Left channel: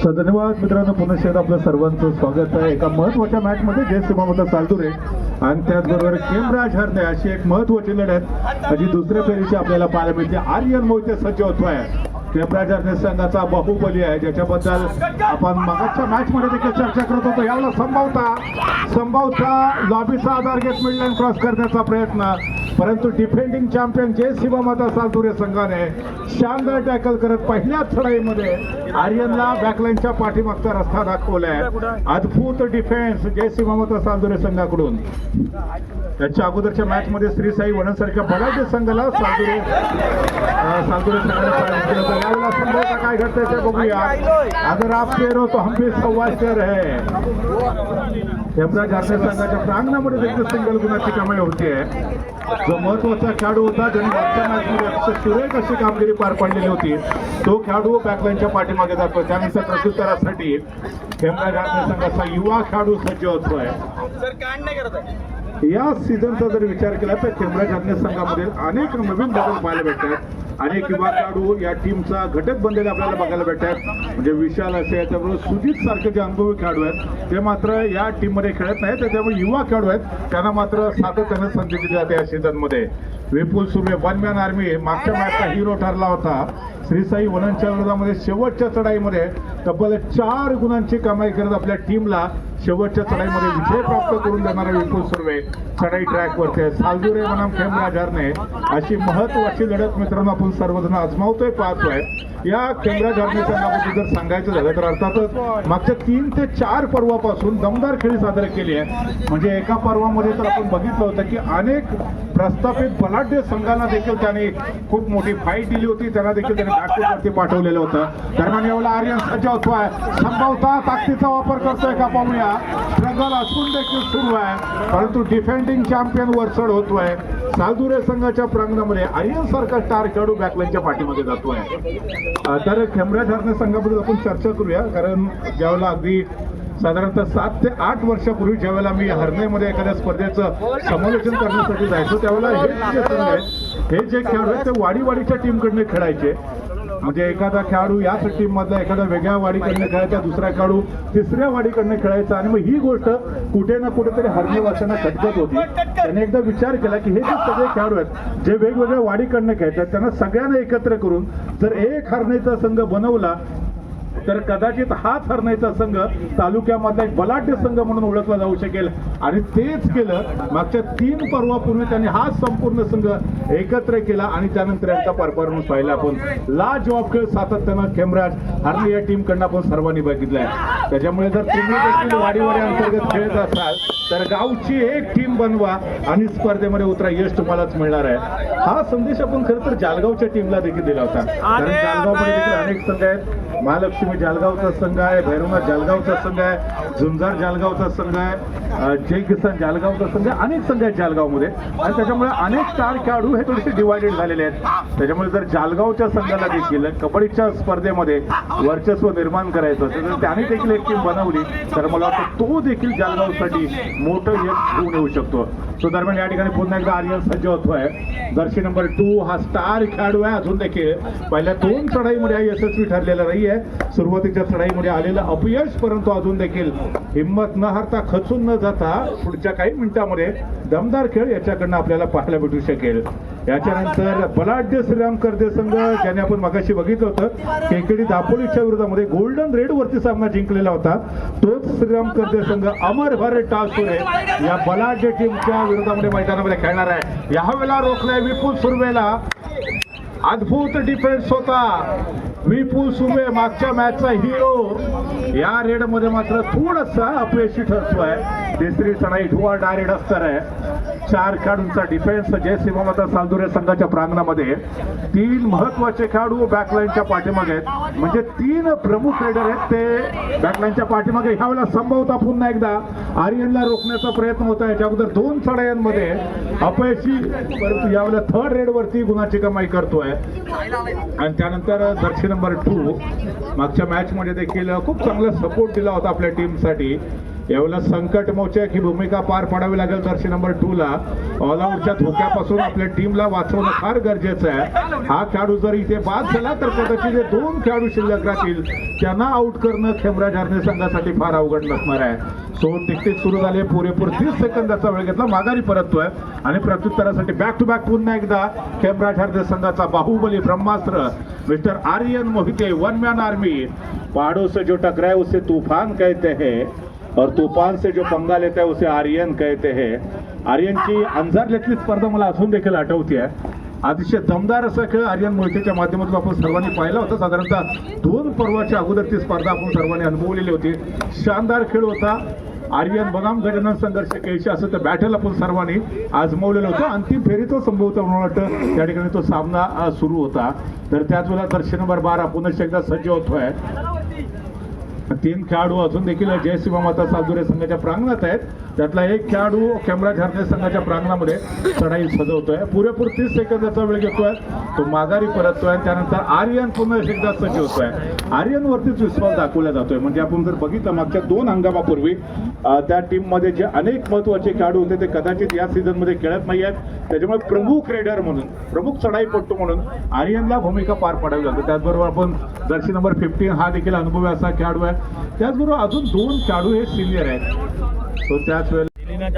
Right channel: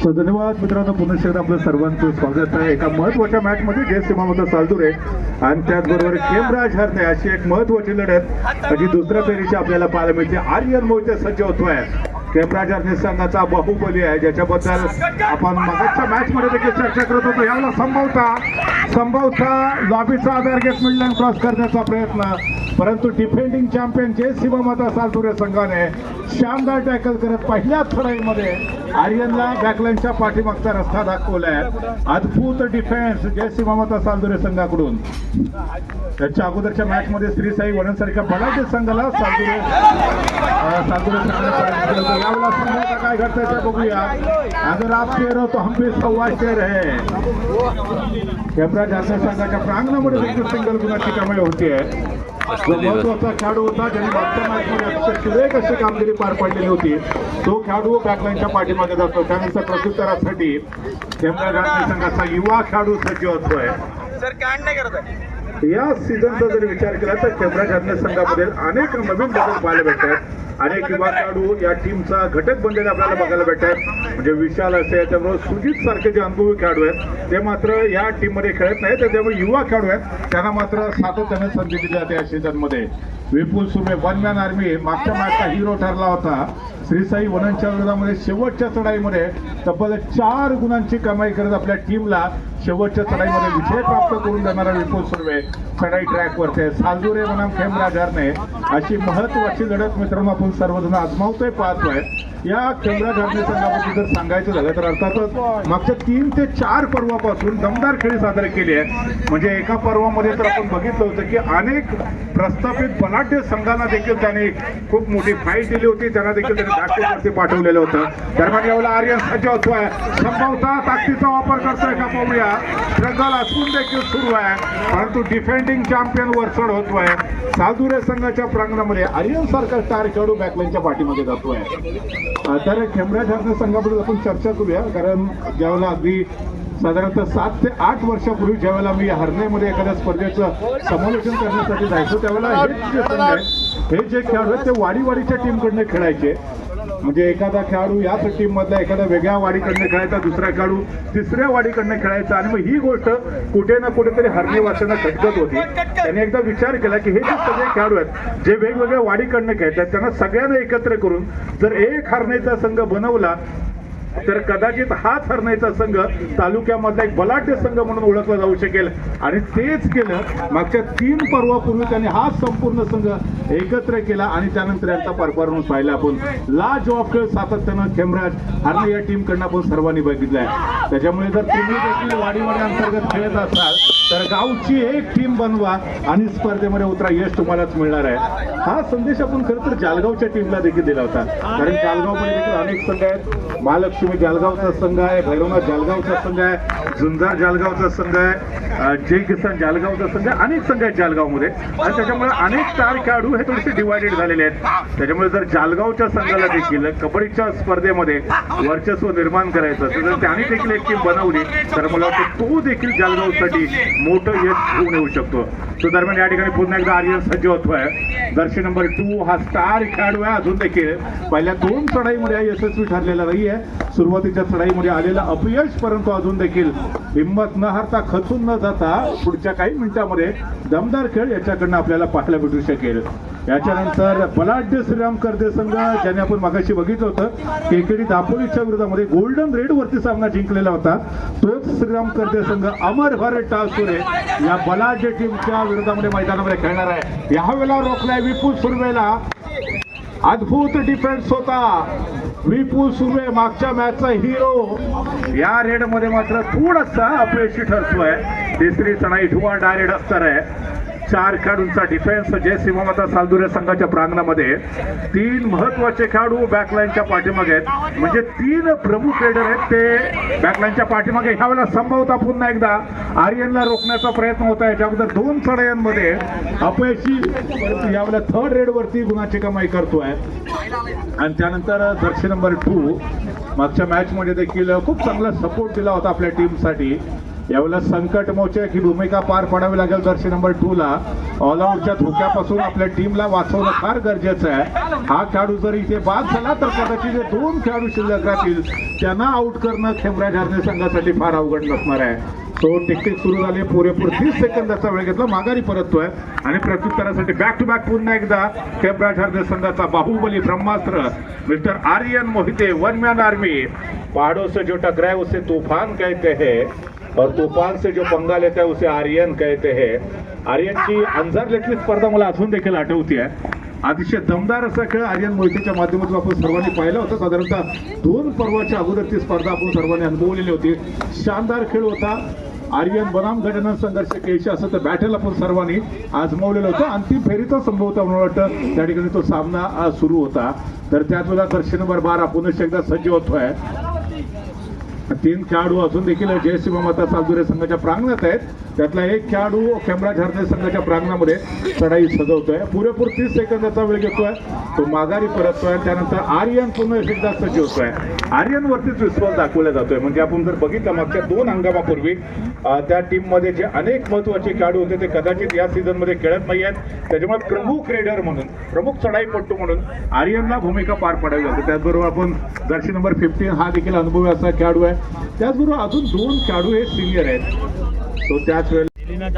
धन्यवाद मित्रांनो, पुन्हा एकदा आपलं सर्वांचं स्वागत आहे एका महत्वाच्या मॅच मध्ये जे सीमामता सालदुरे आणि त्याचबरोबर केमराज हरणे अशी एक महत्वाची लढत जी दुसऱ्या फेरीची आपल्याला पाहायला मिळते. आर्यन मोहिते सज्ज होतोय. केमराज हरणे संघाचा बाहुबली आहे ज्याच्याबद्दल आपण मागच्या मॅच मध्ये देखील चर्चा करत होतो. यावेळेला संभावता लॉबीचा आधार घेत मिडलाईन क्रॉस करण्याचा प्रयत्न, परंतु डिफेंडिंग चॅम्पियन जे सीमामता सालदुरे संघाने शानदार टॅकल करत पहिल्याच लढाईमध्ये आर्यनला बॅकलाईनच्या पाठीमागचा रस्ता दाखवलाय. अद्भुत डिफेन्स जे सीमामता सालदुरे संघाकडून. त्याच्या अगोदरच्या मॅच मध्ये श्री साई वनसारख्या बलाढ्य संघाला सालदुरे संघाने यावेळेला संभवता काय घडतंय ते बघूया. अगर आप शेर हो तो हम भी सव्वा शेर है. केमराज हरणे संघाच्या प्रांगणामध्ये देखील सिंगल गुणाची कमाई होते. जो महत्वाचा खेळाडू होता ज्यांनी मागच्या मॅचमध्ये सुरेख अशी कामगिरी पार पाडलेली होती तो खेळाडू बॅकलाईनच्या पाठीमागे जातो. त्यानंतर प्रत्युत्तरासाठी केमराज हरणे संघाचा युवा खेळाडू सज्ज होतोय. या सीझनचा जर विचार केला तर केमराज हरणे संघामध्ये अनेक नवीन बदल पाहायला भेटतात. अनेक युवा खेळाडू या टीमचा घटक बनलेले आपल्याला बघायला भेटतात. म्हणजे विशाल असे त्याबरोबर सुजित सारखे जे अनुभवी खेळाडू आहेत ते मात्र या टीम मध्ये खेळत नाहीत. त्यामुळे युवा खेळाडू आहेत त्यांना मात्र सातत्याने संधी दिली जाते या सीझन मध्ये. विपुल सुमे वन मॅन आर्मी मागच्या मॅचचा हिरो ठरला होता. श्री साई वनच्या विरोधामध्ये शेवटच्या चढाईमध्ये तब्बल 4 गुणांची कमाई करत आपल्या टीमला शेवटच्या चढाईमध्ये विजय प्राप्त करून देणारा विपुल सुर्वे चढाई ट्रॅकवरती आहे. सालदुरे बनाम केमराज हरणे अशी महत्वाची लढत मित्रांनो आपण सर्वजण आजमावतोय पाहतोय. या केमराज हरणे संघाबद्दल जर सांगायचं झालं तर अर्थातच मागच्या 3 ते 4 पर्वापासून दमदार खेळी सादर केली आहे. म्हणजे एका पर्वामध्ये तर आपण बघितलं होतं की अनेक प्रस्थापित बलाढ्य संघांना देखील त्याने खूप मोठी फाईट दिली होती. त्यांना देखील त्याने दाखवण्यावरती पाठवलेलं होतं. दरम्यान यावेळेला आर्यन सज्ज होतोय. संभवता ताकदीचा वापर करतोय का पाहूया. स्ट्रगल असून देखील सुरू आहे परंतु डिफेंडिंग चॅम्पियन वरचढ होतोय. सालदुरे संघाच्या प्रांगणामध्ये आर्यन सारखा स्टार खेळाडू बॅकलाईनच्या पाठीमध्ये जातोय. तर केमराज हरणे संघाबद्दल आपण चर्चा करूया कारण ज्यावेळेला अगदी साधारणतः 7 ते 8 वर्षापूर्वी ज्यावेळेला मी हरण्यामध्ये एखाद्या स्पर्धेचं समालोचन करण्यासाठी जायचो त्यावेळेला हे जे संघ आहे हे जे खेळाडू आहेत ते वाडीच्या टीमकडनं खेळायचे. म्हणजे एखादा खेळाडू याच टीम मधला एखादा वेगळ्या वाडीकडनं खेळायचा, दुसरा खेळाडू तिसऱ्या वाडीकडनं खेळायचा आणि मग ही गोष्ट कुठे ना कुठेतरी हरणेवासियांना खटकत होती. त्याने एकदा विचार केला की हे जे सगळे खेळाडू आहेत जे वेगवेगळ्या वाडीकडनं खेळतात त्यांना सगळ्यांना एकत्र करून जर एक हरणेचा संघ बनवला तर कदाचित हाच हरण्याचा संघ तालुक्यामधला एक बलाढ्य संघ म्हणून ओळखला जाऊ शकेल. आणि तेच केलं. मागच्या 3 पर्वापूर्वी त्यांनी हा संपूर्ण संघ एकत्र केला आणि त्यानंतर यांचा परफॉर्मन्स पाहिला आपण. लाजवाब खेळ सातत्यानं केमराज हरणे या टीम कडनं आपण सर्वांनी बघितलाय. त्याच्यामुळे जर तुम्ही देखील वाडी अंतर्गत खेळत असाल तर गावची एक टीम बनवा आणि स्पर्धेमध्ये उतरा, यश तुम्हालाच मिळणार आहे. हा संदेश आपण खरं तर जालगावच्या टीमला देखील दिला होता. कारण जालगावमध्ये देखील अनेक संघ आहेत. महालक्ष्मी जालगावचा संघ आहे, भैरवनाथ जालगावचा संघ आहे, झुंजार जालगावचा संघ आहे, जय किसान जालगावचा संघ आहे. अनेक संघ आहेत जालगावमध्ये आणि त्याच्यामुळे अनेक स्टार खेळाडू हे थोडेसे डिवायडेड झालेले आहेत. त्याच्यामुळे जर जालगावच्या संघाला देखील कबड्डीच्या स्पर्धेमध्ये वर्चस्व निर्माण करायचं तर त्याने देखील एक टीम बनवली तर मला वाटतं तो देखील जालगावसाठी मोठं यश घेऊन येऊ शकतो. तो दरम्यान या ठिकाणी पुन्हा एकदा आर्यन सज्ज होतोय. जर्सी नंबर 2 हा स्टार खेळाडू आहे. अजून देखील पहिल्या 2 चढाईमध्ये यशस्वी ठरलेला नाही आहे. सुरुवातीच्या चढाईमध्ये आलेलं अपयश परंतु अजून देखील हिंमत न हारता खचून न जाता पुढच्या काही मिनिटांमध्ये दमदार खेळ याच्याकडनं आपल्याला पाहायला भेटू शकेल. याच्यानंतर बलाढ्य श्रीराम करदे संघ ज्याने आपण मगाशी बघितलं होतं केकेडी दापोलीच्या विरोधामध्ये गोल्डन रेड वरती सामना जिंकलेला होता तोच श्रीराम करदे संघ अमरभर टासुरे या बलाढ्य टीमच्या विरोधामध्ये मैदानामध्ये खेळणार आहे. यावेळेला रोखलाय विपुल सुर्वेला. अद्भुत डिफेन्स होता विपुल सुर्वे मागच्या मॅचचा हिरो. या रेड मध्ये मात्र थोडासा अपयशी ठरतोय. तिसरी चढाई ढुवा डायरेक्ट असणार आहे. 4 खेळाडूंचा डिफेन्स जय सीमामता सालदुरे संघाच्या प्रांगणामध्ये. 3 महत्वाचे खेळाडू बॅकलाईनच्या पाठीमागे आहेत. म्हणजे 3 प्रमुख रेडर आहेत ते बॅकलाईनच्या पाठीमागे. ह्यावेळेला संभवता पुन्हा एकदा आर्यनला रोखण्याचा प्रयत्न होता. याच्या अगोदर 2 चढायांमध्ये अपयशी परंतु यावेळेला 3rd रेड वरती गुणाची कमाई करतोय. आणि त्यानंतर जर्सी नंबर 2 मागच्या मॅच मध्ये देखील खूप चांगला सपोर्ट दिला होता आपल्या टीमसाठी. यावेळेला संकट मोचक ही भूमिका पार पाडावी लागेल जर्सी नंबर 2 ला. ऑलआउटच्या धोक्यापासून आपल्या टीमला वाचवणं फार गरजेचं आहे. हा खेळाडू जर इथे बाद झाला तर कदाचित जे 2 खेळाडू शिल्लक राहतील त्यांना आउट करणं खेमराज हरणे संघासाठी फार अवघड नसणार आहे. सो टिकटिक सुरू झाले. पुरेपूर 30 सेकंदाचा वेळ घेतला. माघारी परततोय आणि प्रत्युत्तरासाठी बॅक टू बॅक पुन्हा एकदा खेमराज हरणे संघाचा बाहुबली ब्रह्मास्त्र mister Aryan Mohite. 1 man army. पहाड़ों से जो टकराए उसे तूफान कहते हैं और तूफान से जो पंगा लेता है उसे आर्यन कहते हैं. आर्यनची अंजारलेटली स्पर्धा मला अजून देखील आठवते. अतिशय दमदार असा खेळ आर्यन मोहितेच्या माध्यमातून आपण सर्वांनी पाहिला होता. साधारणतः 2 पर्वाच्या अगोदर ती स्पर्धा आपण सर्वांनी अनुभवलेली होती. शानदार खेळ होता. आर्यन बनाम गजानन संघर्ष खेळशी असं तर बॅटल आपण सर्वांनी आजमावलेलं होतं. अंतिम फेरीचा संभवता मला वाटतं त्या ठिकाणी तो सामना सुरू होता. तर त्याच वेळेला दर्शक नंबर 12 पुन्हा एकदा सज्ज होतोय. 3 खेळाडू अजून देखील जयसिंह माता सालदुरे संघाच्या प्रांगणात आहेत. त्यातला एक खेळाडू खेमराज हरणे संघाच्या प्रांगणामध्ये चढाई सजवतोय. पुरेपूर 30 सेकंदाचा वेळ घेतोय. तो माघारी परततोय. त्यानंतर आर्यन पुन्हा एकदा सज्ज होतोय. आर्यन वरतीच विश्वास दाखवला जातोय. म्हणजे आपण जर बघितलं मागच्या 2 हंगामापूर्वी त्या टीम मध्ये जे अनेक महत्वाचे खेळाडू होते ते कदाचित या सीझन मध्ये खेळत नाही आहेत. त्याच्यामुळे प्रमुख रेडर म्हणून प्रमुख चढाईपट्टू म्हणून आर्यनला भूमिका पार पाडावी लागते. त्याचबरोबर आपण जर्सी नंबर 15 हा देखील अनुभवी असा खेळाडू आहे. त्याचबरोबर अजून 2 खेळाडू हे सिनियर आहेत. तो त्याच वेळेला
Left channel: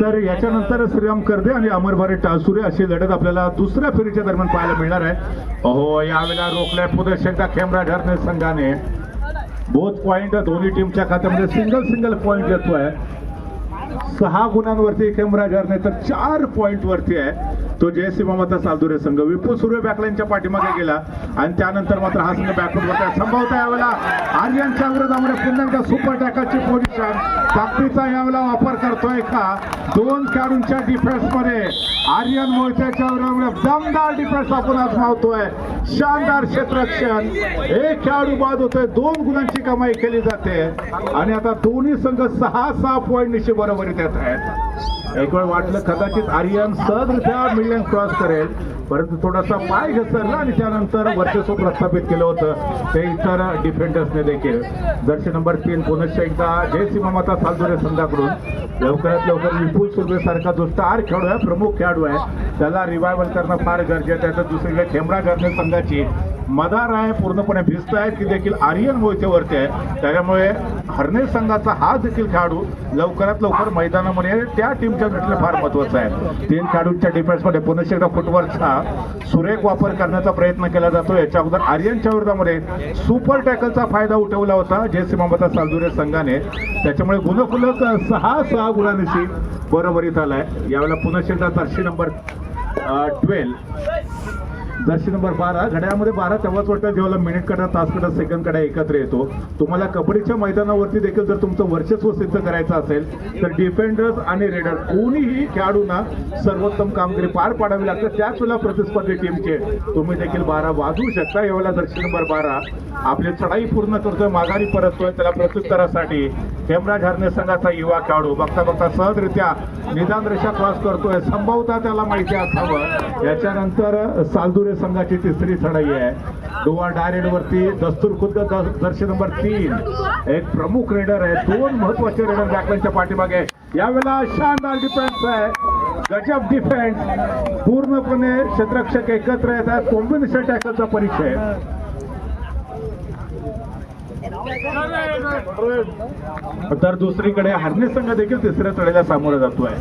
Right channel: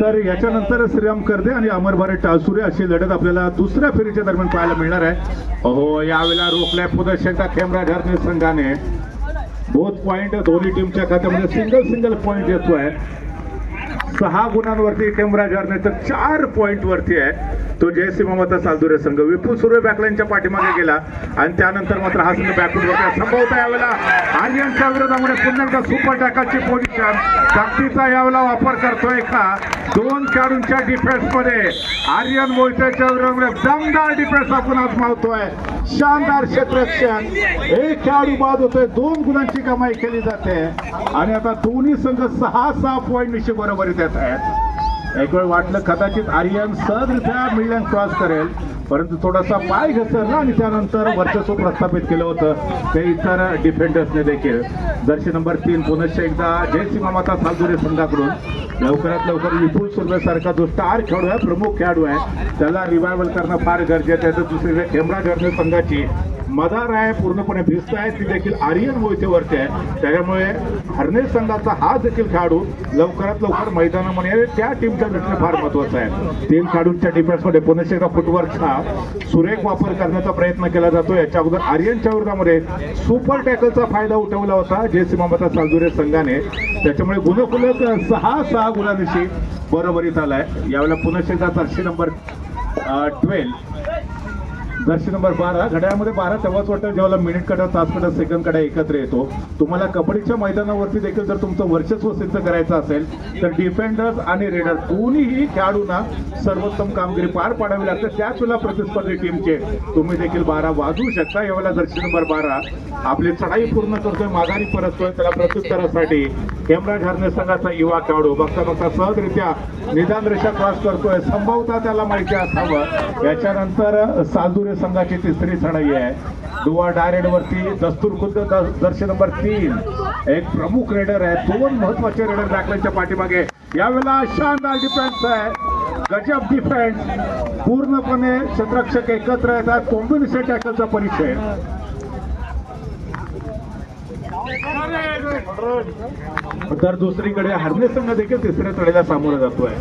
तर याच्यानंतर श्रीराम कर्दे आणि अमरभारे टाळसुरे अशी लढत आपल्याला दुसऱ्या फेरीच्या दरम्यान पाहायला मिळणार आहे. हो यावेळेला रोखलाय पुन्हा एकदा खेमराज हरणे संघाने. बोथ पॉइंट दोन्ही टीमच्या खात्यामध्ये सिंगल पॉइंट येतोय. 6 गुणांवरती खेमराज हरणे तर 4 पॉइंट वरती आहे तो जयसिंह माता सालदुरे संघ. विपुल सुर्वे बॅकलाईनच्या पाठीमागे गेला आणि त्यानंतर मात्र हा संघ बॅकवर्ड होता. संभवता यावेळेला आर्यनच्या विरोधामध्ये पुन्हा एकदा सुपर टॅकलची पोझिशन ताकदीचा यावेळेला वापर करतोय का 2 खेळाडूंच्या डिफेन्स मध्ये. आर्यन मोहितेच्या विरोधामध्ये दमदार डिफेन्स आपण आजमावतोय. शानदार क्षेत्ररक्षण. एक खेळाडू बाद होतोय. 2 गुणांची कमाई केली जाते आणि आता दोन्ही संघ 6 पॉइंट निशी बरोबरीत येत आहेत. एक वेळ वाटलं कदाचित आर्यन सहजरित्या मिलियन क्रॉस करेल परंतु थोडासा पाय घसरला आणि त्यानंतर वर्चस्व प्रस्थापित केलं होतं ते इतर डिफेंडर्सने देखील. जर्सी नंबर 3 पुनश्च एकदा जयसिंह माता सालदुरे संघाकडून लवकरात लवकर विपुल सुर्वे सारखा जो स्टार खेळाडू आहे प्रमुख खेळाडू आहे त्याला रिवायवल करणं फार गरजेचं आहे. तर दुसरीकडे खेमराज हरणे संघाची मदार आहे पूर्णपणे भिस्त आहे ती देखील आर्यन मोहितेवरती आहे. त्याच्यामुळे हरणे संघाचा हा देखील खेळाडू लवकरात लवकर मैदानामध्ये त्या टीमच्या दृष्टीने फार महत्वाचा आहे. 3 खेळाडूंच्या डिफेन्समध्ये पुन्हा एकदा फुटवर्कचा सुरेख वापर करण्याचा प्रयत्न केला जातो. याच्या अगोदर आर्यनच्या विरोधामध्ये सुपर टॅकलचा फायदा उठवला होता जयसिंह माता सालदुरे संघाने. त्याच्यामुळे गुणफलक 6 गुणांशी बरोबरीत आलाय. यावेळेला पुन्हा एकदा जर्सी नंबर 12 जर्सी नंबर 12 घड्याळामध्ये 12 तेव्हाच वाटतं जेव्हा मिनिट काढा तास काढा सेकंड काढा एकत्र येतो. तुम्हाला कबड्डीच्या मैदानावरती देखील जर तुमचं वर्चस्व सिद्ध करायचं असेल तर डिफेंडर्स आणि रेडर दोन्हीही खेळाडूंना सर्वोत्तम कामगिरी पार पाडावी लागते. त्याच वेळेला प्रतिस्पर्धी टीमचे तुम्ही देखील 12 वाजवू शकता. यावेळेला जर्सी नंबर 12 आपली चढाई पूर्ण करतोय माघारी परततोय. त्याला प्रत्युत्तरासाठी खेमराज हरणे संघाचा युवा खेळाडू बघता बघता सहजरित्या निदान रेषा क्रॉस करतोय. संभवता त्याला माहिती असावं. याच्यानंतर सालदुरे संघाची तिसरी चढाई आहे. दुवा डायरेक्ट वरती दस्तूर खुद्द जर्सी नंबर 3 एक प्रमुख रेडर आहे. 2 महत्वाचे रेडर बॅकलाईनच्या पाठीमागे. यावेळेला शानदार डिफेन्स आहे. गजब डिफेन्स. पूर्णपणे क्षेत्ररक्षक एकत्र येतात. कॉम्बिनेशन टॅकलचा परिचय. तर दुसरीकडे हरणे संघ देखील तिसऱ्या चढाईला सामोरा जातोय.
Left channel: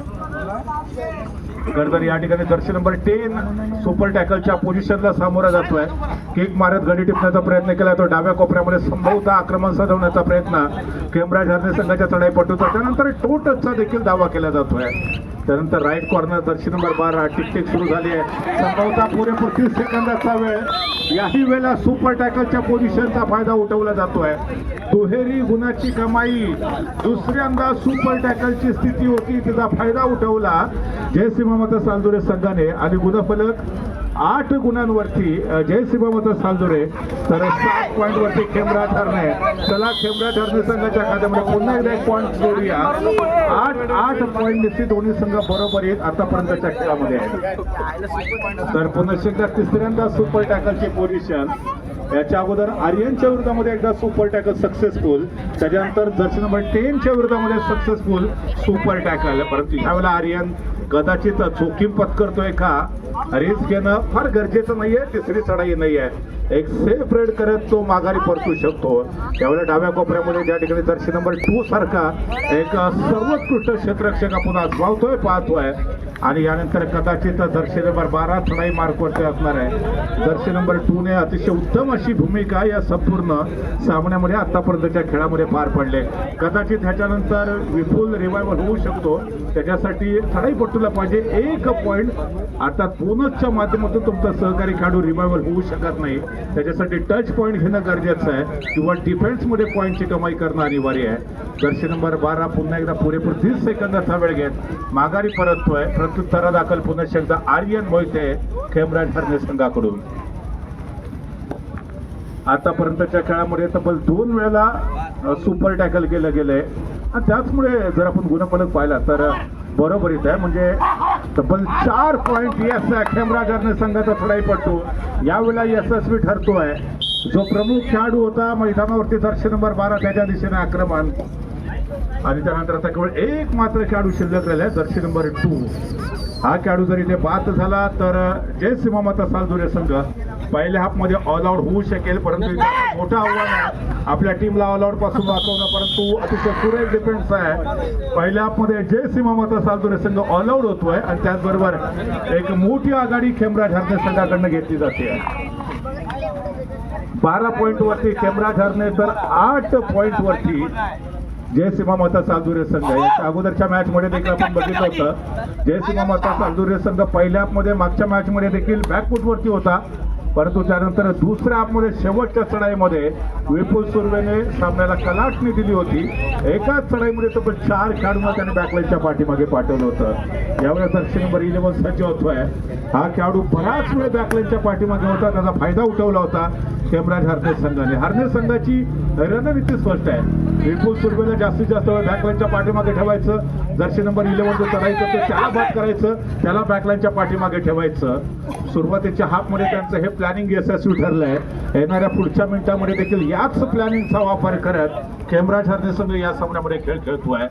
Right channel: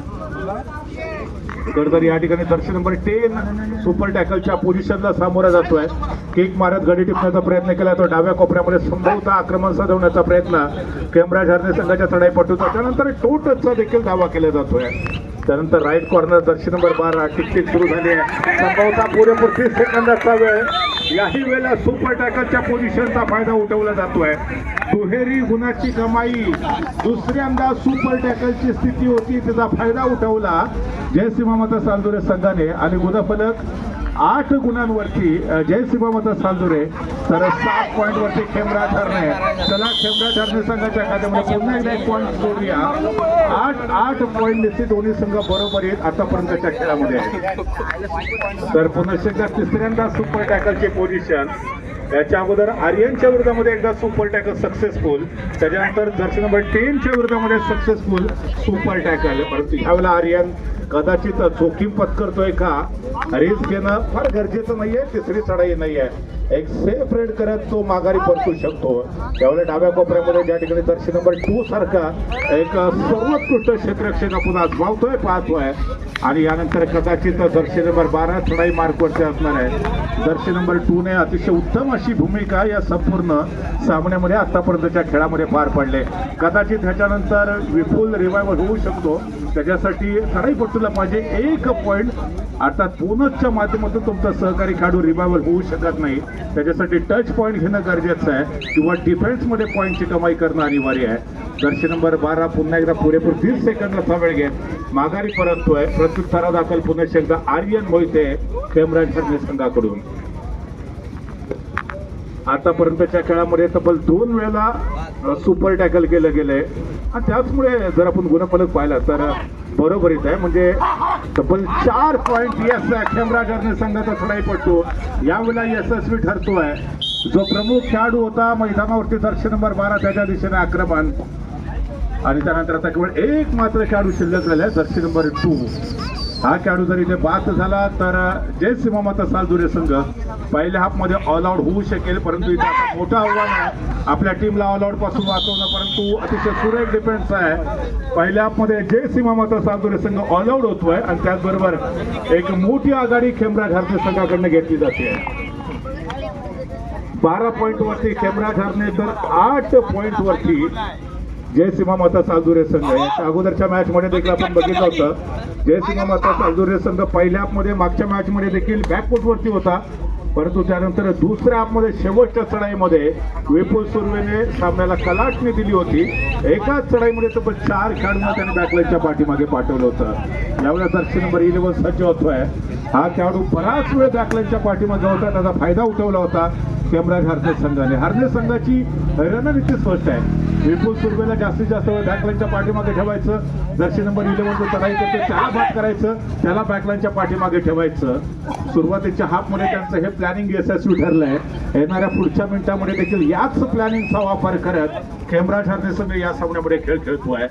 तर या ठिकाणी जर्सी नंबर 10 सुपर टॅकलच्या पोझिशनला सामोरा जातोय. किक मारत गडी टिपण्याचा प्रयत्न केला तो डाव्या कोपऱ्यामध्ये संभवता आक्रमण साधवण्याचा प्रयत्न खेमराज हरणे संघाच्या चढाईपटूचा. त्यानंतर टो टचचा देखील दावा केला जातोय. त्यानंतर राईट कॉर्नर जर्सी नंबर 12 टिकटिक सुरू झाली आहे. संभवता पुरेपूर 30 सेकंदाचा वेळ. याही वेळेला सुपर टॅकलच्या पोझिशनचा फायदा उठवला जातोय. दुहेरी गुणाची कमाई. दुसऱ्यांदा सुपर टॅकलची स्थिती होती त्याचा फायदा उठवला जयसिंह माता सालदुरे संघाने आणि गुणफलक 8 गुणांवरती जयसिंह माता सालदुरे तर 7 पॉइंट वरती खेमराज हरणे. चला खेमराज हरणे संघाच्या खात्यामध्ये पुन्हा एकदा 1 पॉइंट जोडूया. 8 पॉइंट निश्चित दोन्ही संघ बरोबर आहेत आतापर्यंतच्या खेळामध्ये. तर पुन्हा एकदा तिसऱ्यांदा सुपर टॅकलची पोझिशन. याच्या अगोदर आर्यनच्या विरोधामध्ये एकदा सुपर टॅकल सक्सेसफुल, त्याच्यानंतर जर्सी नंबर 10 च्या विरोधामध्ये सक्सेसफुल सुपर टॅकल. परंतु ह्यावेळेला आर्यन कदाचित जोखीम पत्करतोय का, रिस्क घेणं फार गरजेचं नाहीये, तिसरी चढाई नाहीये, एक सेफ रेड करत तो माघारी परतू शकतो. त्यावेळेला डाव्या कोपऱ्यामध्ये ज्या ठिकाणी जर्सी नंबर 2 सारखा एक सर्वोत्कृष्ट क्षेत्ररक्षक आपण आजमावतोय पाहतोय आणि यानंतर कदाचित जर्सी नंबर 12 चढाई मार्कवरती असणार आहे. जर्सी नंबर 2 ने अतिशय उत्तम अशी भूमिका या संपूर्ण सामन्यामध्ये आतापर्यंतच्या खेळामध्ये पार पडले. कदाचित ह्याच्यानंतर विपुल रिवायवल होऊ शकतो, त्याच्यासाठी चढाईपटूला पाहिजे 1 पॉईंट, अर्थात बोनसच्या माध्यमातून तुमचा सहकारी खेळाडू रिवायवल होऊ शकत नाही, त्याच्यासाठी टच पॉईंट घेणं गरजेचं आहे किंवा डिफेन्समध्ये पॉईंटची कमाई करणं अनिवार्य आहे. जर्सी नंबर 12 पुन्हा एकदा पुरेपूर 30 सेकंदाचा वेळ घेत माघारी परततोय. प्रत्युत्तरा दाखल पुन्हा एकदा आर्यन मोहिते खेमराज हरणे संघाकडून. आतापर्यंतच्या खेळामध्ये तब्बल 2 वेळेला सुपर टॅकल केलं गेलंय आणि त्याचमुळे जर आपण गुणफलक पाहिला तर बरोबरीच आहे, म्हणजे तब्बल 4 पॉईंट यस खेमराज हरणे संघाचा चढाईपटू यावेळेला यशस्वी ठरतोय. जो प्रमुख खेळाडू होता मैदानावरती जर्सी नंबर 12 त्याच्या दिशेने आक्रमण आणि त्यानंतर आता केवळ एक मात्र खेळाडू शिल्लक राहिलाय जर्सी नंबर 2. हा खेळाडू जर इथे बाद झाला तर जय सीमामाता सालदुरे संघ पहिल्या हाफमध्ये ऑल आउट होऊ शकेल, परंतु इथे मोठं आव्हान आहे आपल्या टीमला ऑल आउट पासून वाचवणं, परंतु अतिशय सुरेख डिफेन्स आहे. पहिल्या हाफमध्ये जय सीमामाता सालदुरे संघ ऑल आउट होतोय आणि त्याचबरोबर एक मोठी आघाडी खेमराज हरणे संघाकडनं घेतली जाते. 12 पॉईंट वरती खेमराज हरणे तर 8 पॉईंट वरती जय सीमामाता सालदुरे संघ. याच्या अगोदरच्या मॅच मध्ये देखील आपण बघितलं होतं जय सीमामाता सालदुरे संघ पहिल्या हाफमध्ये मागच्या मॅच मध्ये देखील बॅकफूट वरती होता, परंतु त्यानंतर दुसऱ्या हाफमध्ये शेवटच्या चढाईमध्ये विपुल सुर्वेने सामन्याला कलाटणी दिली होती. एकाच चढाईमध्ये तब्बल 4 खेळाडूंना त्याने बॅकलाईनच्या पाठीमागे पाठवलं होतं. यावेळेस जर्सी नंबर 11 सज्ज होतोय. हा खेळाडू बराच वेळ बॅकलाईनच्या पाठीमागे होता, त्याचा फायदा उठवला होता खेमराज हरणे संघाने. हरणे संघाची रणनीती स्पष्ट आहे, विपुल सुर्वेला जास्तीत जास्त वेळ बॅकलाईनच्या पाठीमागे ठेवायचं, जर्सी नंबर 11 जो चढाई करते त्याला बाद करायचं, त्याला बॅकलाईनच्या पाठीमागे ठेवायचं. सुरुवातीच्या हाफमध्ये त्यांचं हे प्लॅनिंग यशस्वी ठरलंय. येणाऱ्या पुढच्या मिनिटांमध्ये देखील याच प्लॅनिंगचा वापर करत खेमराज हरणे संघ या सामन्यामध्ये खेळ खेळतोय.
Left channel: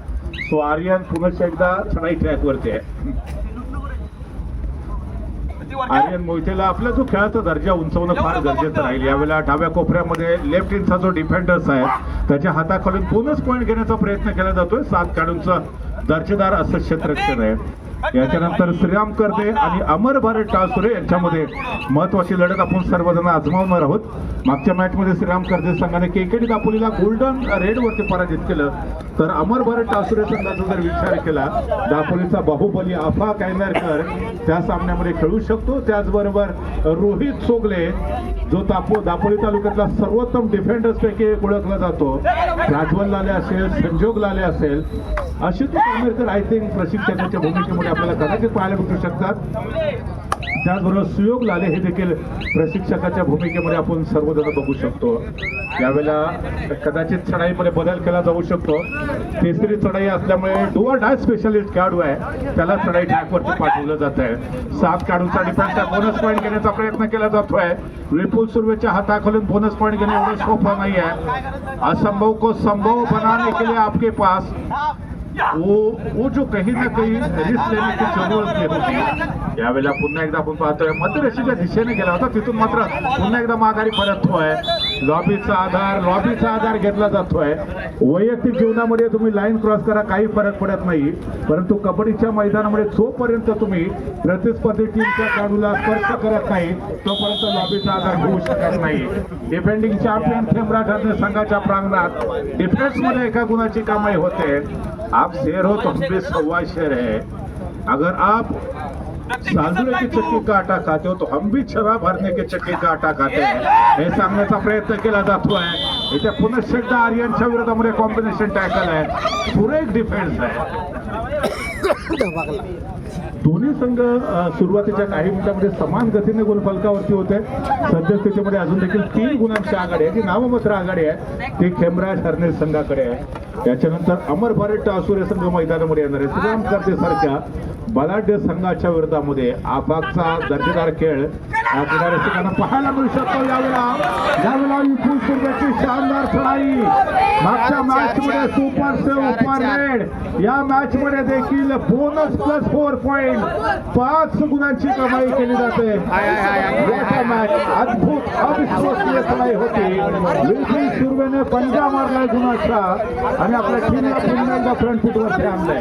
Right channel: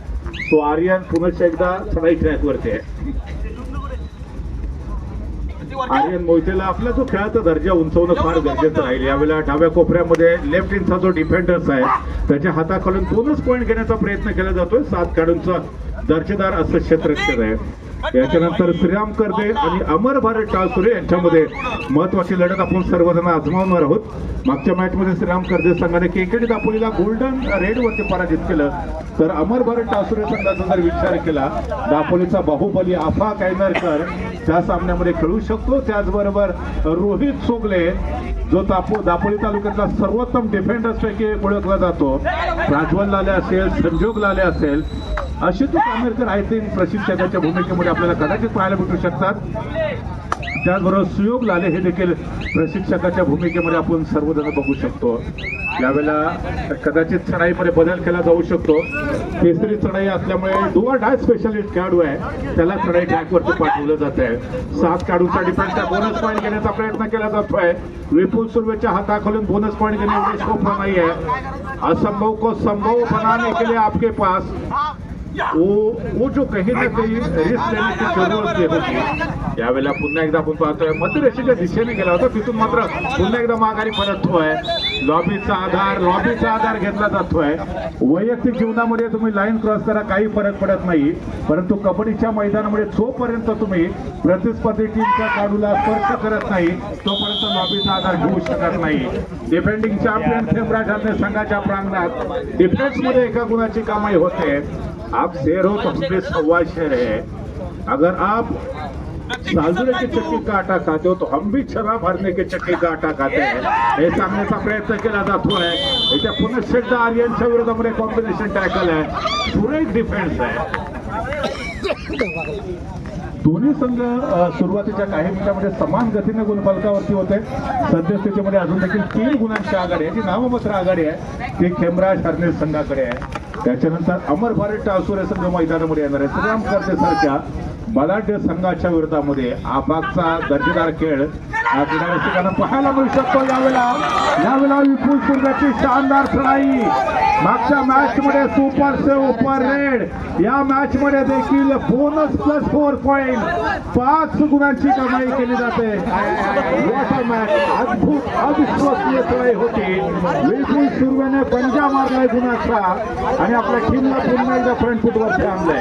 तो आर्यन पुन्हा एकदा चढाई ट्रॅकवरती आहे. आर्यन मोहितेला आपला जो खेळाचा दर्जा उंचवणं फार गरजेचं राहील. यावेळेला डाव्या कोपऱ्यामध्ये लेफ्ट हँडचा जो डिफेंडर्स आहे त्याच्या हाताखालून बोनस पॉईंट घेण्याचा प्रयत्न केला जातोय. 7 खेळाडूंचा दर्जेदार असं क्षेत्ररक्षण आहे. याच्यानंतर श्रीराम कर्दे आणि अमर भारत टासुरे यांच्यामध्ये महत्वाची लढत आपण सर्वजण आजमावणार आहोत. मागच्या मॅच मध्ये श्रीराम कर्दे संघाने केकेडी दापोलीला गोल्डन रेड वरती पराजित केलं, तर अमर भारत टासुरे संघाचा जर विचार केला दापोलीचा बाहुबली आफा कायनारकर त्या सामन्यामध्ये खेळू शकतो. त्याचबरोबर रोहित सोगले जो दापोली तालुक्यातला सर्वोत्तम डिफेंडर्स पैकी ओळखला जातो, राजवल लाले असेल, संजोग लाले असेल, आशुतोष आंबेडकर आय थिंक प्रशिक्षकाच्या भूमिकेमध्ये आपल्याला कदाचित पाहायला भेटू शकतात. त्याचबरोबर सुयोग लाले हे देखील प्रशिक्षकाच्या भूमिकेमध्ये आपण सर्वजण बघू शकतो. यावेळेला कदाचित चढाईमध्ये बदल केला जाऊ शकतो. तिसरी चढाई असल्यामुळे 2 डाय स्पेशलिस्ट खेळाडू आहे त्याला चढाई ट्रॅकवरती पाठवलं जात आहे. 7 खेळाडूंचा डिफेन्सचा बोनस पॉईंट घेण्याचा प्रयत्न केला जातोय. विपुल सुर्वेच्या हाताखालून बोनस पॉईंट घेणे एवढे सोपा नाही आहे. असंभव को संभव बनाने के लिए आपके पास वो जो कहीं ना कहीं रिस्क लेने की जरूरत होती. यावेळेला पुन्हा एकदा आपण पाहतोय मध्यरेषेच्या दिशेने गेला होता, तिथून मात्र पुन्हा एकदा माघारी परततोय. लॉबीचा आधार घेतला जातोय. वैयक्तिक जीवनामध्ये तुम्ही लाईन क्रॉस करा काही फरक पडत नाही, परंतु कबड्डीच्या मैदानामध्ये जोपर्यंत तुम्ही प्रतिस्पर्धी टीमच्या खेळाडूला स्पर्श करत नाही तोपर्यंत लॉबीचा आधार घेऊ शकत नाही. डिफेंडिंग चॅम्पियन खेमराज हरणे संघाच्या प्रांगणात डिफेन्स मध्ये एका गुणाची कमाई होते. आप शेर हो तो हम भी सवा शेर है. अगर आप सालदुरे की चक्की का आटा खाते हो तो हम भी छरा भरने की चक्की का आटा खाते हैं हे सांगण्याचा प्रयत्न केला जातोय. इथे पुन्हा एकदा आर्यनच्या विरोधामध्ये कॉम्बिनेशन टॅकल आहे, सुरेख डिफेन्स आहे. दोन्ही संघ सुरुवातीच्या काही मिनिटांमध्ये समान गतीने गुणफलकावरती होते. सद्यस्थितीमध्ये अजून देखील 3 गुणांची आघाडी आहे. जी नाममात्र आघाडी आहे ती खेमराज हरणे संघाकडे आहे. त्याच्यानंतर अमर भारत टासुरे संघ मैदानामध्ये येणार आहे. श्रीराम कर्ते सारख्या बलाढ्य संघाच्या विरोधामध्ये आपापचा दर्जेदार खेळ क्रीडा पाहायला मिळू शकतो. यावेळेला विपुल सुरगाची शानदार चढाई. मागच्या मॅच मध्ये सुपर सुपर रेड, या मॅच मध्ये देखील बोनस प्लस 4 पॉइंट 5 गुणांची कमाई केली जाते. याचा मॅच अद्भुत अविश्वसनीय चढाई होती. विपुल सुरगाने पंजा मारला गुणाचा आणि आपल्या टीमला पुन्हा एकदा फ्रंट फुट वरती आणलंय.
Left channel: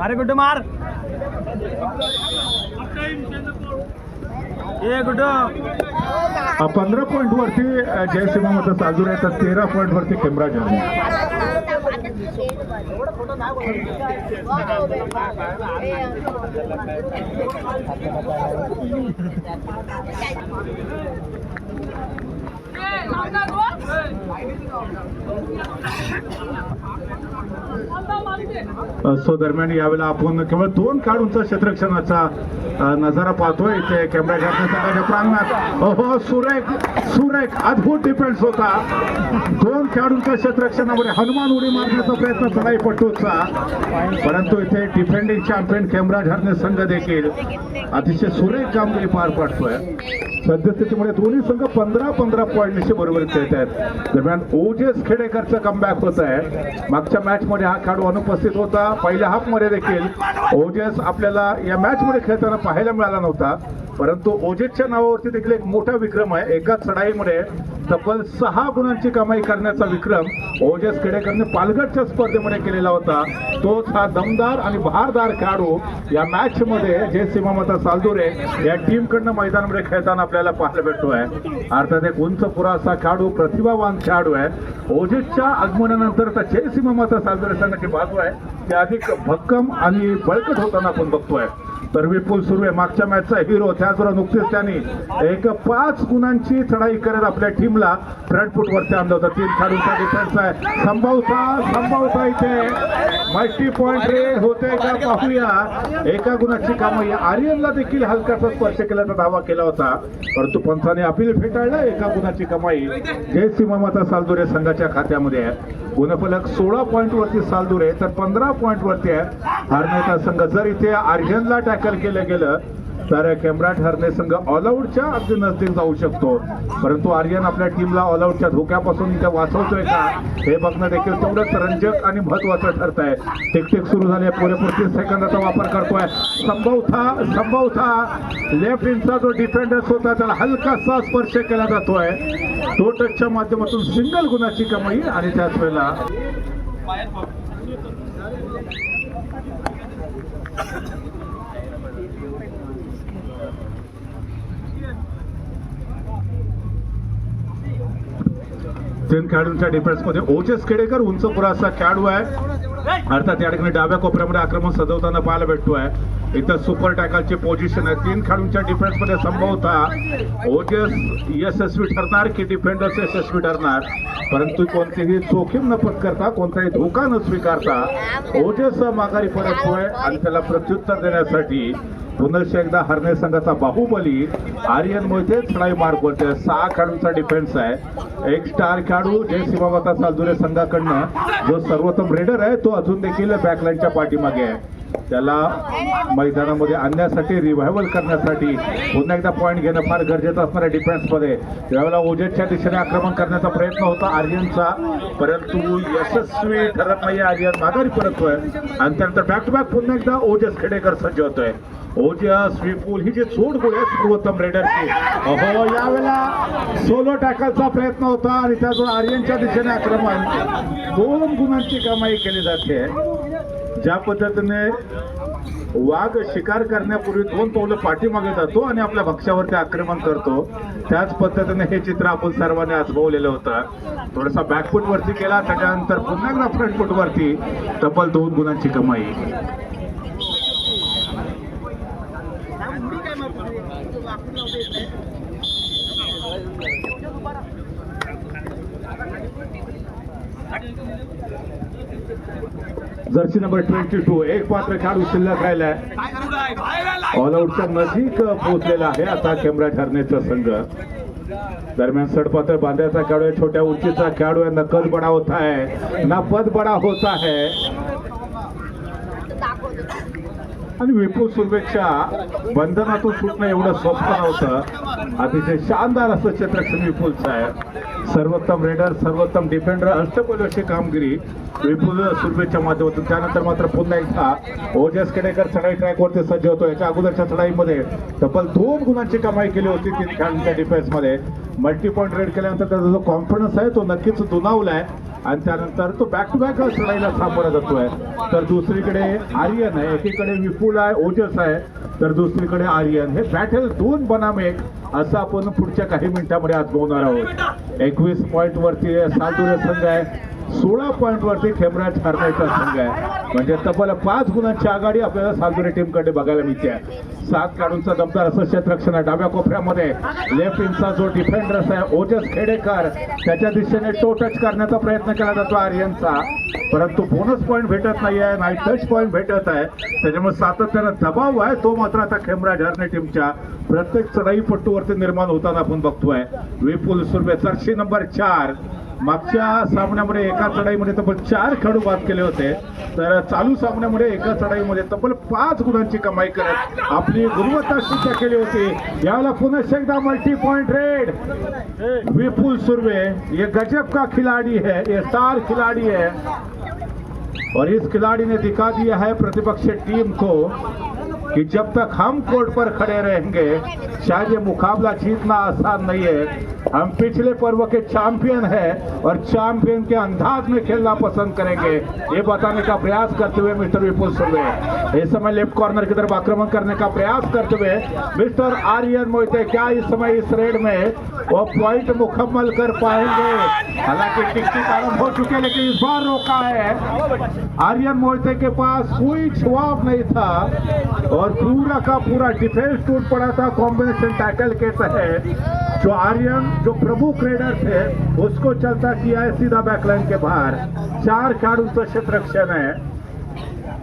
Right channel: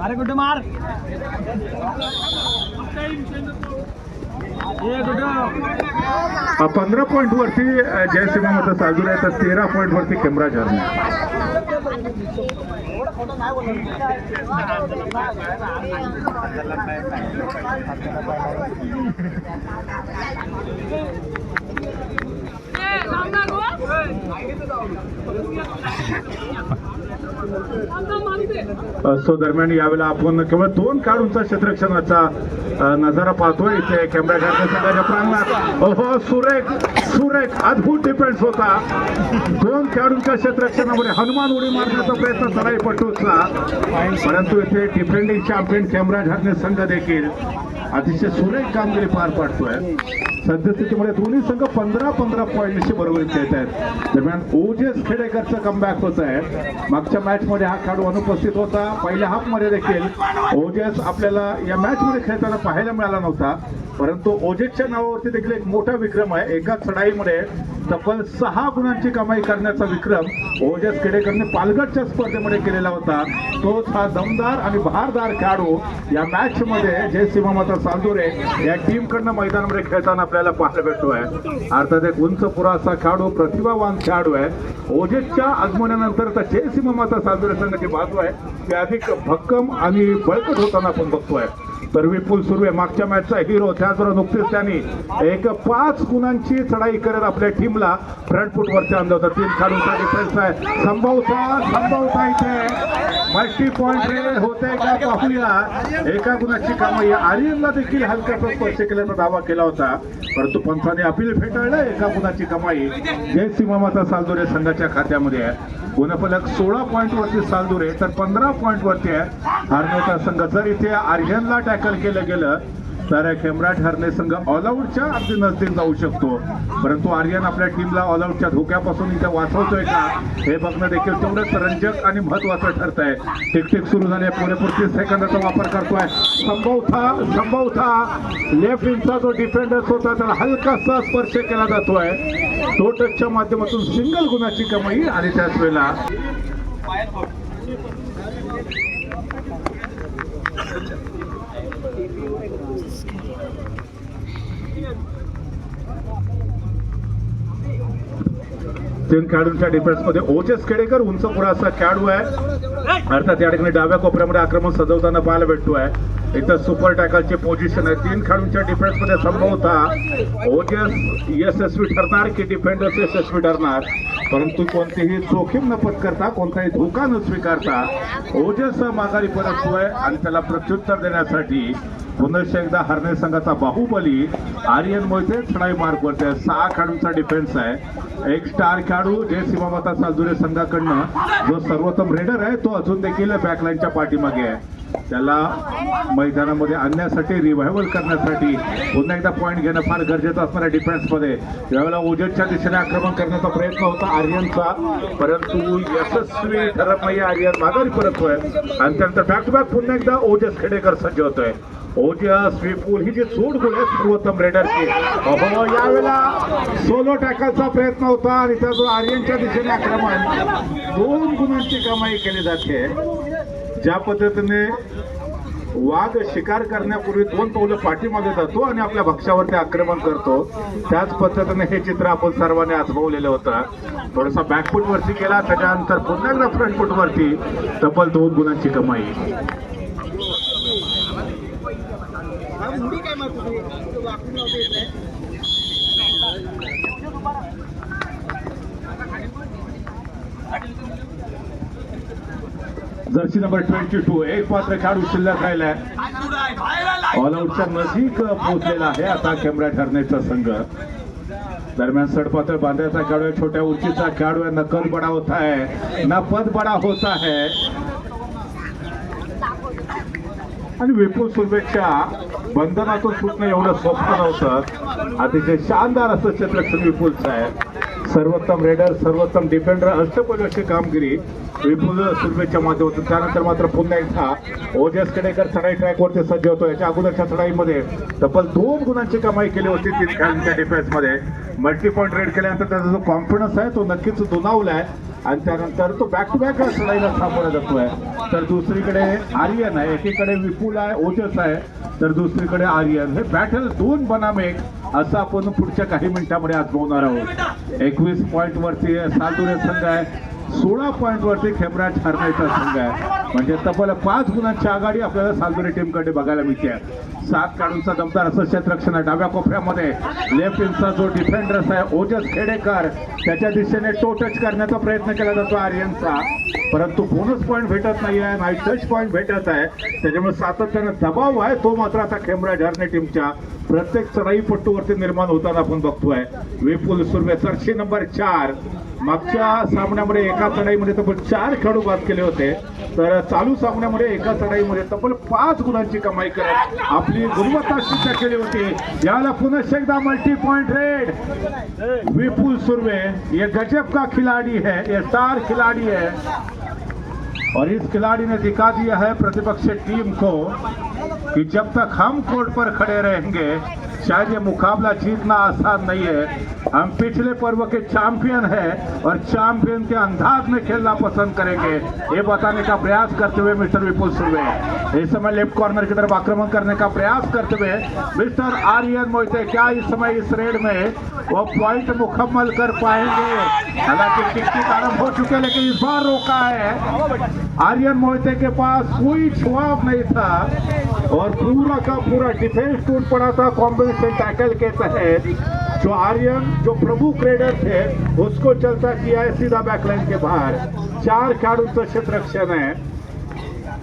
अरे गुड्डू मार 15 पॉइंट वरती जयसिंह मत साजूर आहे, तर 13 पॉइंट वरती केमराज हरणे. सो दरम्यान यावेळेला आपण केवळ 2 खेळाडूंचा क्षेत्ररक्षणाचा नजारा पाहतोय. इथे कॅमेरा सुरेख अद्भुत डिफेन्स होता. 2 खेळाडूंच्या क्षेत्ररक्षणामध्ये हनुमान उडी मारण्याचा प्रयत्न झालाय पटूचा, परंतु इथे डिफेंडिंग चॅम्पियन केमराज हरणे संघ देखील अतिशय सुरेख कामगिरी पार पाडतोय. सद्यस्थितीमध्ये दोन्ही संघ 15-15 पॉईंटशी बरोबर खेळत आहेत. दरम्यान ओजस खेडेकरचा कमबॅक होत आहे. मागच्या मॅच मध्ये हा खेळाडू अनुपस्थित होता. पहिल्या हाफ मध्ये देखील ओजस आपल्याला या मॅच मध्ये खेळताना पाहायला मिळाला नव्हता, परंतु ओजसच्या नावावरती देखील एक मोठा विक्रम आहे. एका चढाईमध्ये तब्बल 6 गुणांची कमाई करण्याचा विक्रम ओजस खेडेकरने पालघरच्या स्पर्धेमध्ये केलेला होता. तोच हा दमदार आणि बहारदार खेळाडू या मॅच मध्ये जयसिंह माता सालदुरे या टीम कडनं मैदानामध्ये खेळताना आपल्याला पाहायला भेटतोय. अर्थात एक उंच पुराचा खेळाडू, प्रतिभावान खेळाडू आहे. ओजसच्या आगमनानंतर आता जयसिंह माता सालदुरे संघाची बाजू आहे ते अधिक भक्कम आणि बळकट होताना आपण बघतोय. तर विपुल सुर्वे मागच्या मॅचचा हिरो, त्याचबरोबर नुकतेच त्यांनी एक 5 गुणांची चढाई करत आपल्या टीमला फ्रंट फुट वरती आणलं होतं. 3 खेळाडूंचा डिफेन्स आहे. संभवता इथे मल्टी पॉइंट होतंय का पाहूया. एका गुणाची कमाई. आर्यनला देखील हलकाचा स्पर्श केल्याचा दावा केला होता, परंतु पंचाने अपील फेटाळलं. एका गुणाची कमाई जयसिंह माता सालदुरे संघाच्या खात्यामध्ये आहे. गुणफलक 16 पॉइंट वरती सालदुरे, तर 15 पॉइंट वरती आहे हरण्याचा संघ. जर इथे आर्यनला टॅकल केलं गेलं तर केमराज हरणे संघ ऑलआउटच्या अगदी नजदीक जाऊ शकतो, परंतु आर्यन आपल्या टीमला ऑलआउटच्या धोक्यापासून इथे वाचवतोय का हे बघणं देखील तेवढंच रंजक आणि महत्वाचं ठरत आहे. टिक टिक सुरू झाले. पुरेपूर 30 सेकंदाचा वापर करतोय. संभवता लेफ्ट इंचा जो डिफेंडर्स होता त्याला हलकासा स्पर्श केला जातोय. टो टचच्या माध्यमातून सिंगल गुणाची कमाई. आणि त्याच वेळेला तीन खेळाडूंच्या डिफेन्स मध्ये ओजस खेडेकर उंच पुराचा खेळाडू आहे. अर्थात या ठिकाणी डाव्या कोपऱ्यामध्ये आक्रमण सजवताना पाहायला भेटतोय. इथं सुपर टॅकलची पोझिशन आहे. 3 खेळाडूंच्या डिफेन्स मध्ये संभवता ओजस यशस्वी ठरणार की डिफेंडर्स यशस्वी ठरणार, परंतु कोणतीही जोखीम न पत्करता, कोणताही धोका न स्वीकारता ओजस माघारी परततोय आणि त्याला प्रत्युत्तर देण्यासाठी पुन्हा एकदा हरणे संघाचा बाहुबली आर्यन मोहिते चढाई मार्ग करते. 6 खेळाडूंचा डिफेन्स आहे. एक स्टार खेळाडू जयसिंह माता सालदुरे संघाकडनं जो सर्वोत्तम रेडर आहे तो अजून देखील बॅकलाईनच्या पाठीमागे आहे. त्याला मैदानामध्ये आणण्यासाठी, रिव्हायवल करण्यासाठी पुन्हा एकदा पॉईंट घेणं फार गरजेचं असणार आहे डिफेन्समध्ये. यावेळेला ओजसच्या दिशेने आक्रमण करण्याचा प्रयत्न होता आर्यनचा, परंतु यशस्वी ठरत नाही. आर्यन माघारी परततोय आणि त्यानंतर बॅक टू बॅक पुन्हा एकदा ओजस खेडेकर सज्ज होतोय. ओजस विपुल ही जे सोड गोळी आहे सर्वोत्तम रेडरची. यावेळेला सोलो टॅकलचा प्रयत्न होता आणि त्यातून आर्यनच्या दिशेने आक्रमण 2 गुणांची कमाई केली जाते. ज्या पद्धतीने वाघ शिकार करण्यापूर्वी 2 पावलं पाठीमागे जातो आणि आपल्या भक्ष्यावरती आक्रमण करतो, त्याच पद्धतीने हे चित्र आपण सर्वांनी आजमावलेलं होतं. थोडासा बॅकफूट वरती गेला, त्याच्यानंतर पुन्हा एकदा फ्रंट फूट वरती तब्बल 2 गुणांची कमाई. उडी काय मारतो तू वाकून लावतो येत नाही जर्सी नंबर 22 एक मात्र खेळाडू शिल्लक राहिलाय. ऑल आउटच्या नजीक पोहोचलेला आहे आता खेमराज हरनेचा संघ. दरम्यान सडपातळ बांध्याचा खेळाडू आहे, छोट्या उंचीचा खेळाडू आहे. नकल बडा होता है ना पद बडा होता है. आणि विपुल सुर्वेच्या बंधनातून सुटणं एवढं सोपं नव्हतं. अतिशय शानदार असं चित्रक्षण विपुलचं आहे. सर्वोत्तम रेडर, सर्वोत्तम डिफेंडर, अष्टपैलुची कामगिरी विपुल सुर्वेच्या माध्यमातून. त्यानंतर मात्र पुन्हा एकदा ओजस केडेकर चढाई ट्रॅकवरती सज्ज होतो. याच्या अगोदरच्या चढाईमध्ये तब्बल 2 गुणांची कमाई केली होती तीन खेळाडूंच्या डिफेन्समध्ये. मल्टी पॉईंट रेड केल्यानंतर त्याचा जो कॉन्फिडन्स आहे तो नक्कीच दुणावलाय आणि त्यानंतर तो बॅक टू बॅक चढाईला सामोरं जातोय. तर दुसरीकडे आर्यन आहे, एकीकडे विपुल आहे, ओजस आहे, तर दुसरीकडे आर्यन. हे बॅटल 2 बनाम 1 असं आपण पुढच्या काही मिनिटांमध्ये आजमावणार आहोत. 21 पॉईंट वरती सालदुरे संघ आहे, 16 पॉईंट वरती खेमराज हरनेचा संघ आहे. म्हणजे तब्बल 5 गुणांची आघाडी आपल्याला सालदुरे टीमकडे बघायला मिळते. 7 खेळाडूंचा दमदार असं क्षेत्ररक्षण आहे. डाव्या कोपऱ्यामध्ये लेफ्ट इंचा जो डिफेंडर्स आहे ओजस खेडेकर, त्याच्या दिशेने टो टच करण्याचा प्रयत्न केला जातो आर्यनचा, परंतु बोनस पॉईंट भेटत नाहीये, नाही टच पॉईंट भेटत आहे. त्याच्यामुळे सातत्यानं दबाव आहे तो मात्र आता खेमराज हरणे टीमच्या प्रत्येक चढाई पट्टूवरती निर्माण होताना आपण बघतोय. विपुल सुर्वे जर्सी नंबर 4. मागच्या सामन्यामध्ये एका चढाईमध्ये तब्बल 4 खेळाडू बाद केले होते, तर चालू सामन्यामध्ये एका चढाईमध्ये तब्बल 5 गुणांची कमाई करत आपली गुणवत्ता सिद्ध केली होती. याला पुनः एकदा मल्टी पॉइंट रेड. विपुल सुर्वे ये गजब का खिलाड़ी है, ये स्टार खिलाड़ी है और इस खिलाड़ी ने दिखा दिया है प्रतिपक्ष टीम को कि जब तक हम कोर्ट पर खड़े रहेंगे शायद ये मुकाबला जीतना आसान नहीं है. हम पिछले पर्व के चैंपियन हैं और चैंपियन के अंदाज में खेलना पसंद करेंगे, ये बताने का प्रयास करते हुए मिस्टर विपुल सुर्वे इस समय लेफ्ट कॉर्नर की तरफ आक्रमण करने का प्रयास करते हुए मिस्टर आर्यन मोहिते क्या इस समय इस रेड में वो पॉइंट मुकम्मल कर पाएंगे. हालांकि टिकटिक आरंभ हो चुके लेकिन इस बार रोका है. आर्यन मोहिते के पास कोई जवाब नहीं था और पूरा का पूरा डिफेंस टूट पड़ा था कॉम्बिनेशन टैकल के तहत. जो आर्यन जो प्रमुख रेडर थे उसको चलता किया है सीधा बैकलाइन के बाहर. 4 खेळाडूंचं क्षेत्ररक्षण आहे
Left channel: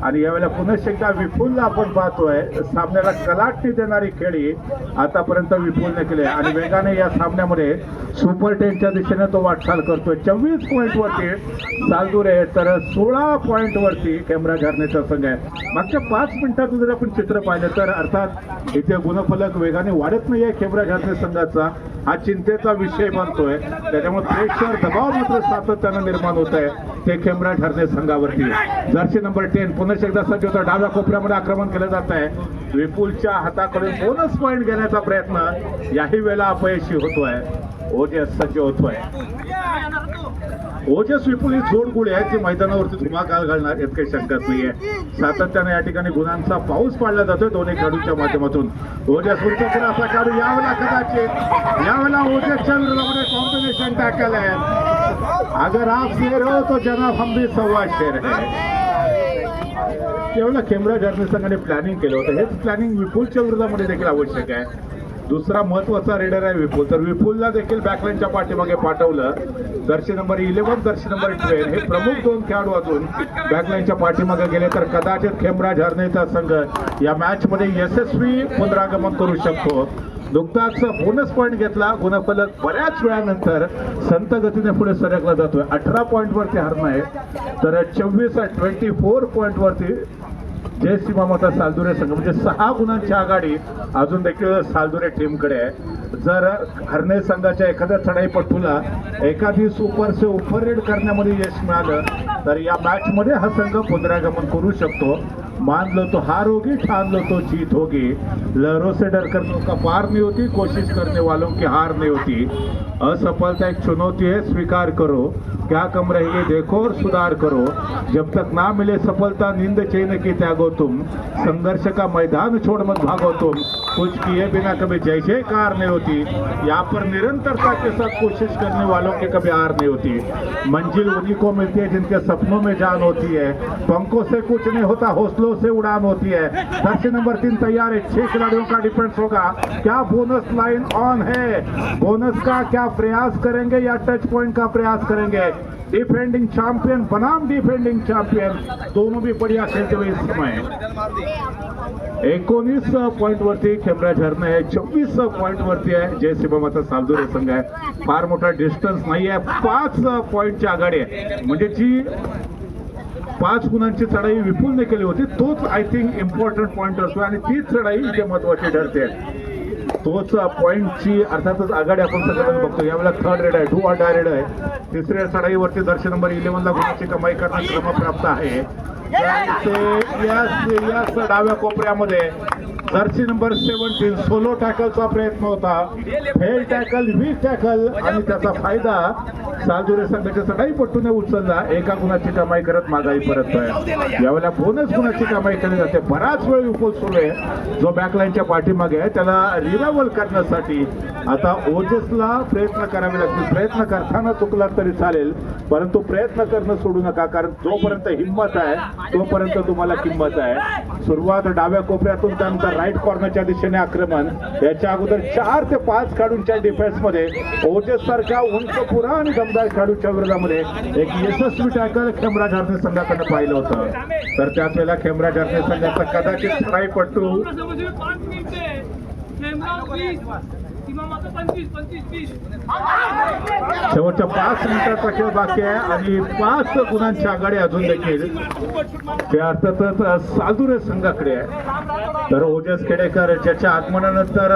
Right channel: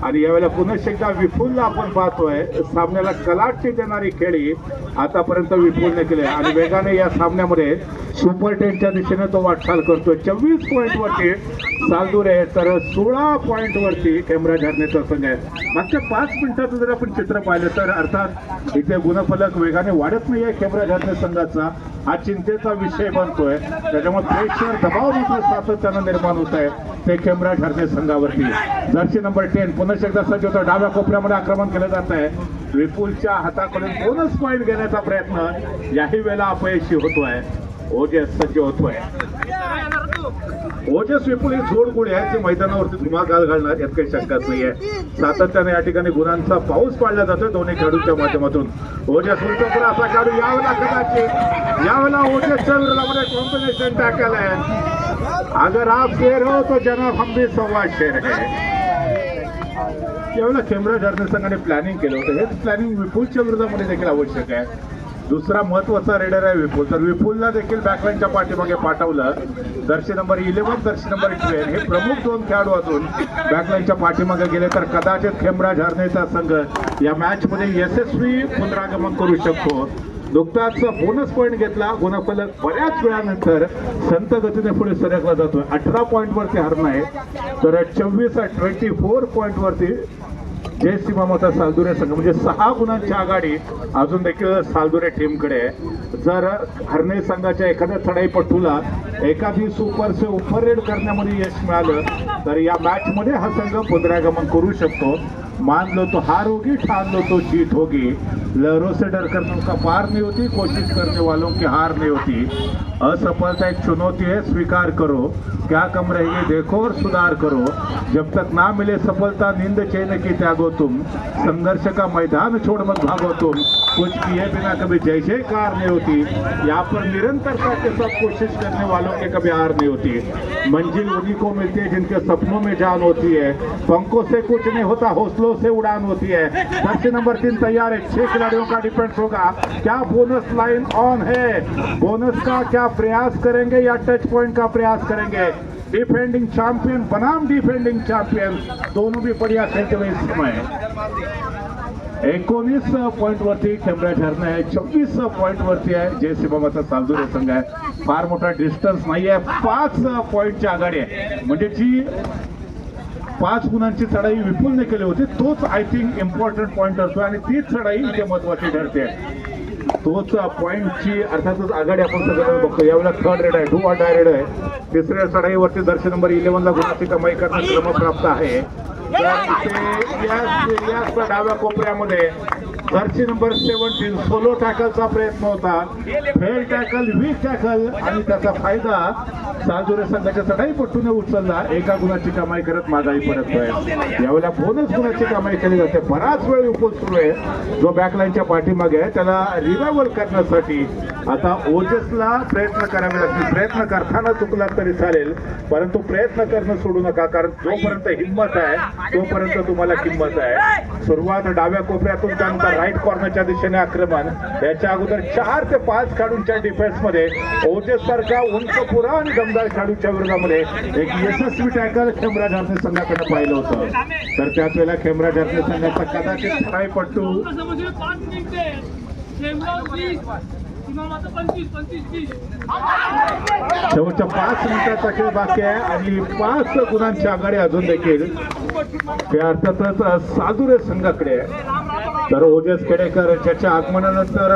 आणि यावेळेला पुन्हा एकदा विपुलला आपण पाहतोय. सामन्याला कलाटणी देणारी खेळी आतापर्यंत विपुलने केली आणि वेगाने या सामन्यामध्ये सुपर 10च्या दिशेने तो वाटचाल करतोय. 24 पॉईंट वरती सालदुरे तर 16 पॉईंट वरती खेमराज हरनेचा संघ आहे. मागच्या 5 मिनिटात जर आपण चित्र पाहिलं तर अर्थात इथे गुणफलक वेगाने वाढत नाहीये खेमराज हरणे संघाचा, हा चिंतेचा विषय बनतोय. त्याच्यामुळे प्रेशर दबाव मात्र सातत्यानं निर्माण होत आहे ते खेमराज हरणे संघावरती. जर्सी नंबर 10 पुन्हा एकदा सज्ज होता. डाव्या कोपऱ्यामध्ये आक्रमण केलं जात आहे. विपुलच्या हाताकडून बोनस पॉईंट घेण्याचा प्रयत्न याही वेळेला अपयशी होतोय. ओजस सज्ज होतोय. ओजस विपुल ही जोडगोळी आहेत जे मैदानावरती धुमाकाल घालणार यात काही शंकाच नाहीये. सातत्याने या ठिकाणी गुणांचा पाऊस पाडला जातोय दोन्ही खेळाडूंच्या माध्यमातून. ओजस विरुद्ध आपला खेळाडू यावेळेला कदाचित यावेळेला ओजसच्या विरोधामध्ये कॉम्बिनेशन टॅकल आहे. अगर आप शेर हो तो जनाब हम भी सव्वा शेर है. यावेळेला खेमराज हरणे संघाने प्लॅनिंग केलं होतं. हेच प्लॅनिंग विपुलच्या विरोधामध्ये देखील आवश्यक आहे. दुसरा महत्वाचा रेडर आहे विपुल, तर विपुलला देखील बॅकलाईनच्या पाठीमागे पाठवलं. जर्सी नंबर 11 जर्सी नंबर 12 हे प्रमुख 2 खेळाडू अजून बॅकलाईनच्या पाठीमागे गेले तर कदाचित खेमराज हरणेचा संघ या मॅच मध्ये यशस्वी पुनरागमन करू शकतो. नुकताच बोनस पॉईंट घेतला. गुणफलक बऱ्याच वेळानंतर संत गतीने पुढे सरकला जातोय. 18 पॉईंट वरती हरणं आहे तर 24 पॉईंट वरती जय सीमामोठ्या सालदुरे संघ, म्हणजे 6 गुणांची आघाडी अजून देखील सालदुरे टीमकडे आहे. जर हरणे संघाच्या एखाद्या चढाईपट्टूला एखादी सुपर से उपर रेड करण्यामध्ये यश मिळालं तर या मॅच मध्ये हा संघ पुनरागमन करू शकतो. मान लो तो हार होगी, ठान लो तो जीत होगी. लहरों से डर कर उसका पार नहीं होती, कोशिश करने वालों की हार नहीं होती. असफलता एक चुनौती है, स्वीकार करो. क्या कम रही देखो और सुधार करो, जब तक ना मिले सफलता नींद चैन की त्यागो तुम, संघर्ष का मैदान छोड़ मत भागो तुम, कुछ किए बिना कभी जय जयकार नहीं होती, यहाँ पर निरंतरता के साथ कोशिश करने वालों के कभी हार नहीं होती। मंजिल उन्हीं को मिलती है जिनके सपनों में जान होती है, पंखों से कुछ नहीं होता हौसलों से उड़ान होती है। दर्शी नंबर 3 तैयार है, 6 खिलाड़ियों का डिफेंस होगा। क्या बोनस लाइन ऑन है? बोनस का क्या प्रयास करेंगे या टच पॉइंट का प्रयास करेंगे? डिफेंडिंग चैंपियन बनाम डिफेंडिंग चैंपियन दोनों भी बढ़िया खेलते हुए इस समय 19 पॉइंट वरती खेमराज हरणे आहे, 24 पॉइंट वरती आहे जय शिवमाता सालदुरे संघ आहे. फार मोठा डिस्टन्स नाही आहे, 5 पॉइंटची आघाडी आहे. म्हणजे जी 5 गुणांची चढाई विपुलने केली होती तोच आय थिंक इम्पॉर्टंट पॉइंट असतो आणि तीच चढाई इथे महत्वाची ठरते. तोच पॉइंटची अर्थातच आघाडी आपण सगळ्यांना बघतो. यावेळेला थर्ड रेड आहे, डू अड्डा रेड आहे. तिसऱ्या चढाईवरती दर्शक नंबर 11 ला गुणाची कमाई करण्यास क्रमप्राप्त आहे. याच डाव्या कोपऱ्यामध्ये जर्सी नंबर 17 सोलो टॅकलचा प्रयत्न होता, फेल टॅकल, वीक टॅकल आणि त्याचा फायदा सालदुरे संघाच्या चढाईपट्टूने उचलला. एका गुणाची कमाई करत माघारी परततोय. यावेळेला बोनस गुणाची कमाई केली जाते. बराच वेळ विपुल सुरू आहे. जो बॅकलाईनच्या पाठीमागे आहे त्याला रिलावल करण्यासाठी आता ओजसला प्रयत्न करावे लागतील. प्रयत्न करताना चुकला तरी चालेल, परंतु प्रयत्न करणं सोडू नका, कारण जोपर्यंत हिंमत आहे तोपर्यंत तुम्हाला किंमत आहे. सुरुवात डाव्या कोपऱ्यातून, त्यानंतर राईट कॉर्नरच्या दिशेने आक्रमण. याच्या अगोदर 4 ते 5 खेळाडूंच्या डिफेन्स मध्ये ओजस सारखा उंच पुरा आणि दमदार खेळाडूच्या विरोधामध्ये एक यशस्वी टॅकल खेमराज हरणे संघाकडे पाहिलं होतं. तर त्याच वेळेला खेमराज हरणे संघाचा कदाचित चढाईपट्टू शेवटच्या 5 मिनिटाचा खेळ बाकी आहे आणि 5 गुणांची आघाडी अजून देखील ते अर्थातच सालदुरे संघाकडे आहे. तर ओजस खेडेकर ज्याच्या आगमनानंतर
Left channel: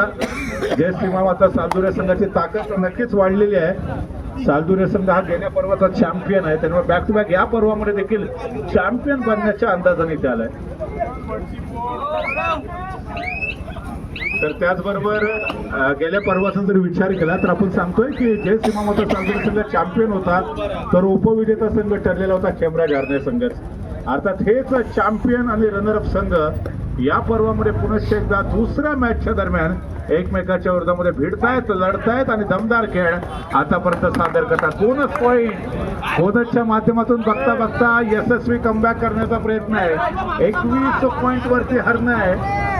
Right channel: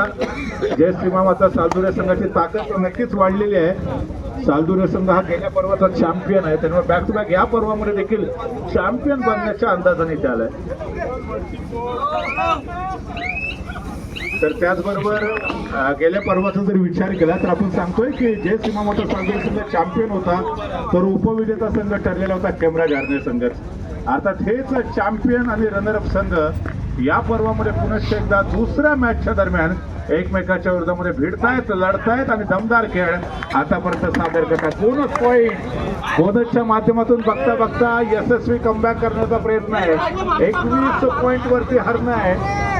जय श्रीमामाचा सालदुरे संघाची ताकद नक्कीच वाढलेली आहे. सालदुरे संघ हा गेल्या पर्वाचा चॅम्पियन आहे. त्यांना बॅक टू बॅक या पर्वामध्ये देखील चॅम्पियन बनण्याच्या अंदाजाने इथे आलाय. तर त्याचबरोबर गेल्या पर्वाचा जर विचार केला तर आपण सांगतोय की जय श्रीमामाचा सालदुरे संघ चॅम्पियन होता, तर उपविजेता संघ ठरलेला होता खेमराज हरणे संघ. अर्थात हेच चॅम्पियन आणि रनरअप संघ या पर्वामध्ये पुनश्च एकदा दुसऱ्या मॅचच्या दरम्यान एकमेकाच्या विरोधामध्ये भिडतायत, लढतायत आणि दमदार खेळ आतापर्यंत सादर करतात. बोनस पॉईंट बोनसच्या माध्यमातून बघता बघता यशस्वी कमबॅक करण्याचा प्रयत्न आहे. 21 पॉईंट वरती हरणे आहे,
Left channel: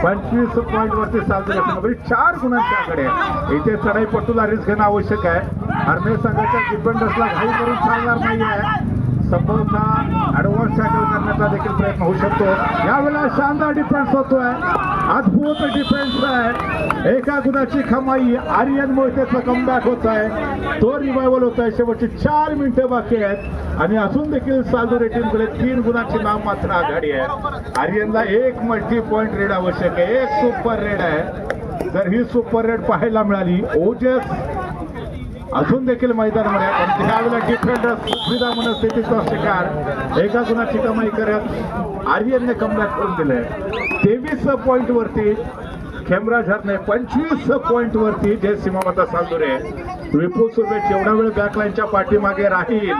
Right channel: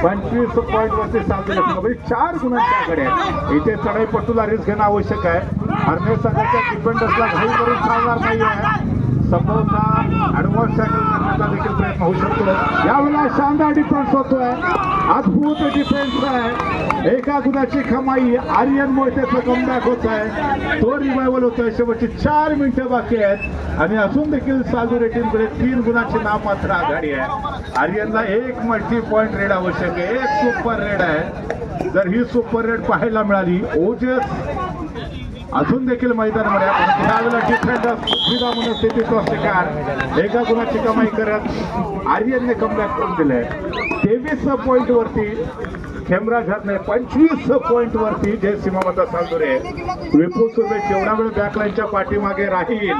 25 पॉईंट वरती सालदुरे. 4 गुणांची आघाडी आहे. इथे चढाईपट्टूला रिस्क घेणं आवश्यक आहे. हरणे संघाच्या डिफेंडर्सला घाई करून चालणार नाही आहे. संभवतः ऍडव्हान्स टॅकल करण्याचा देखील प्रयत्न होऊ शकतो. यावेळेला शानदार डिफेन्स होतोय, अद्भुत डिफेन्स आहे. एका गुणाची कमाई, आर्यन मोहितेचा कमबॅक होत आहे, तो रिवायवल होत आहे. शेवटची 4 मिनिटं बाकी आहेत आणि अजून देखील सालदुरे टीमकडे 3 गुणाची नाममात्र आघाडी आहे. आर्यनला 1 मल्टी पॉइंट रेड आवश्यक आहे, 1 सुपर रेड आहे. जर ही सुपर रेड पाहायला मिळाली, ओजस अजून देखील मैदानामध्ये आपण त्यावेळेला डिफेंडर सुविधा मनस्थितीचा शिकार. एका गुणाची कमाई करत आर्यनने कमबॅक करून दिले. 23 पॉइंट वरती खेमराज हरणे, 25 पॉइंट वरती जय श्रीमामाचा सालदुरे. विपुल सुरवेश एवढा वेळ बॅकलाईनच्या पाठीमागे राहील.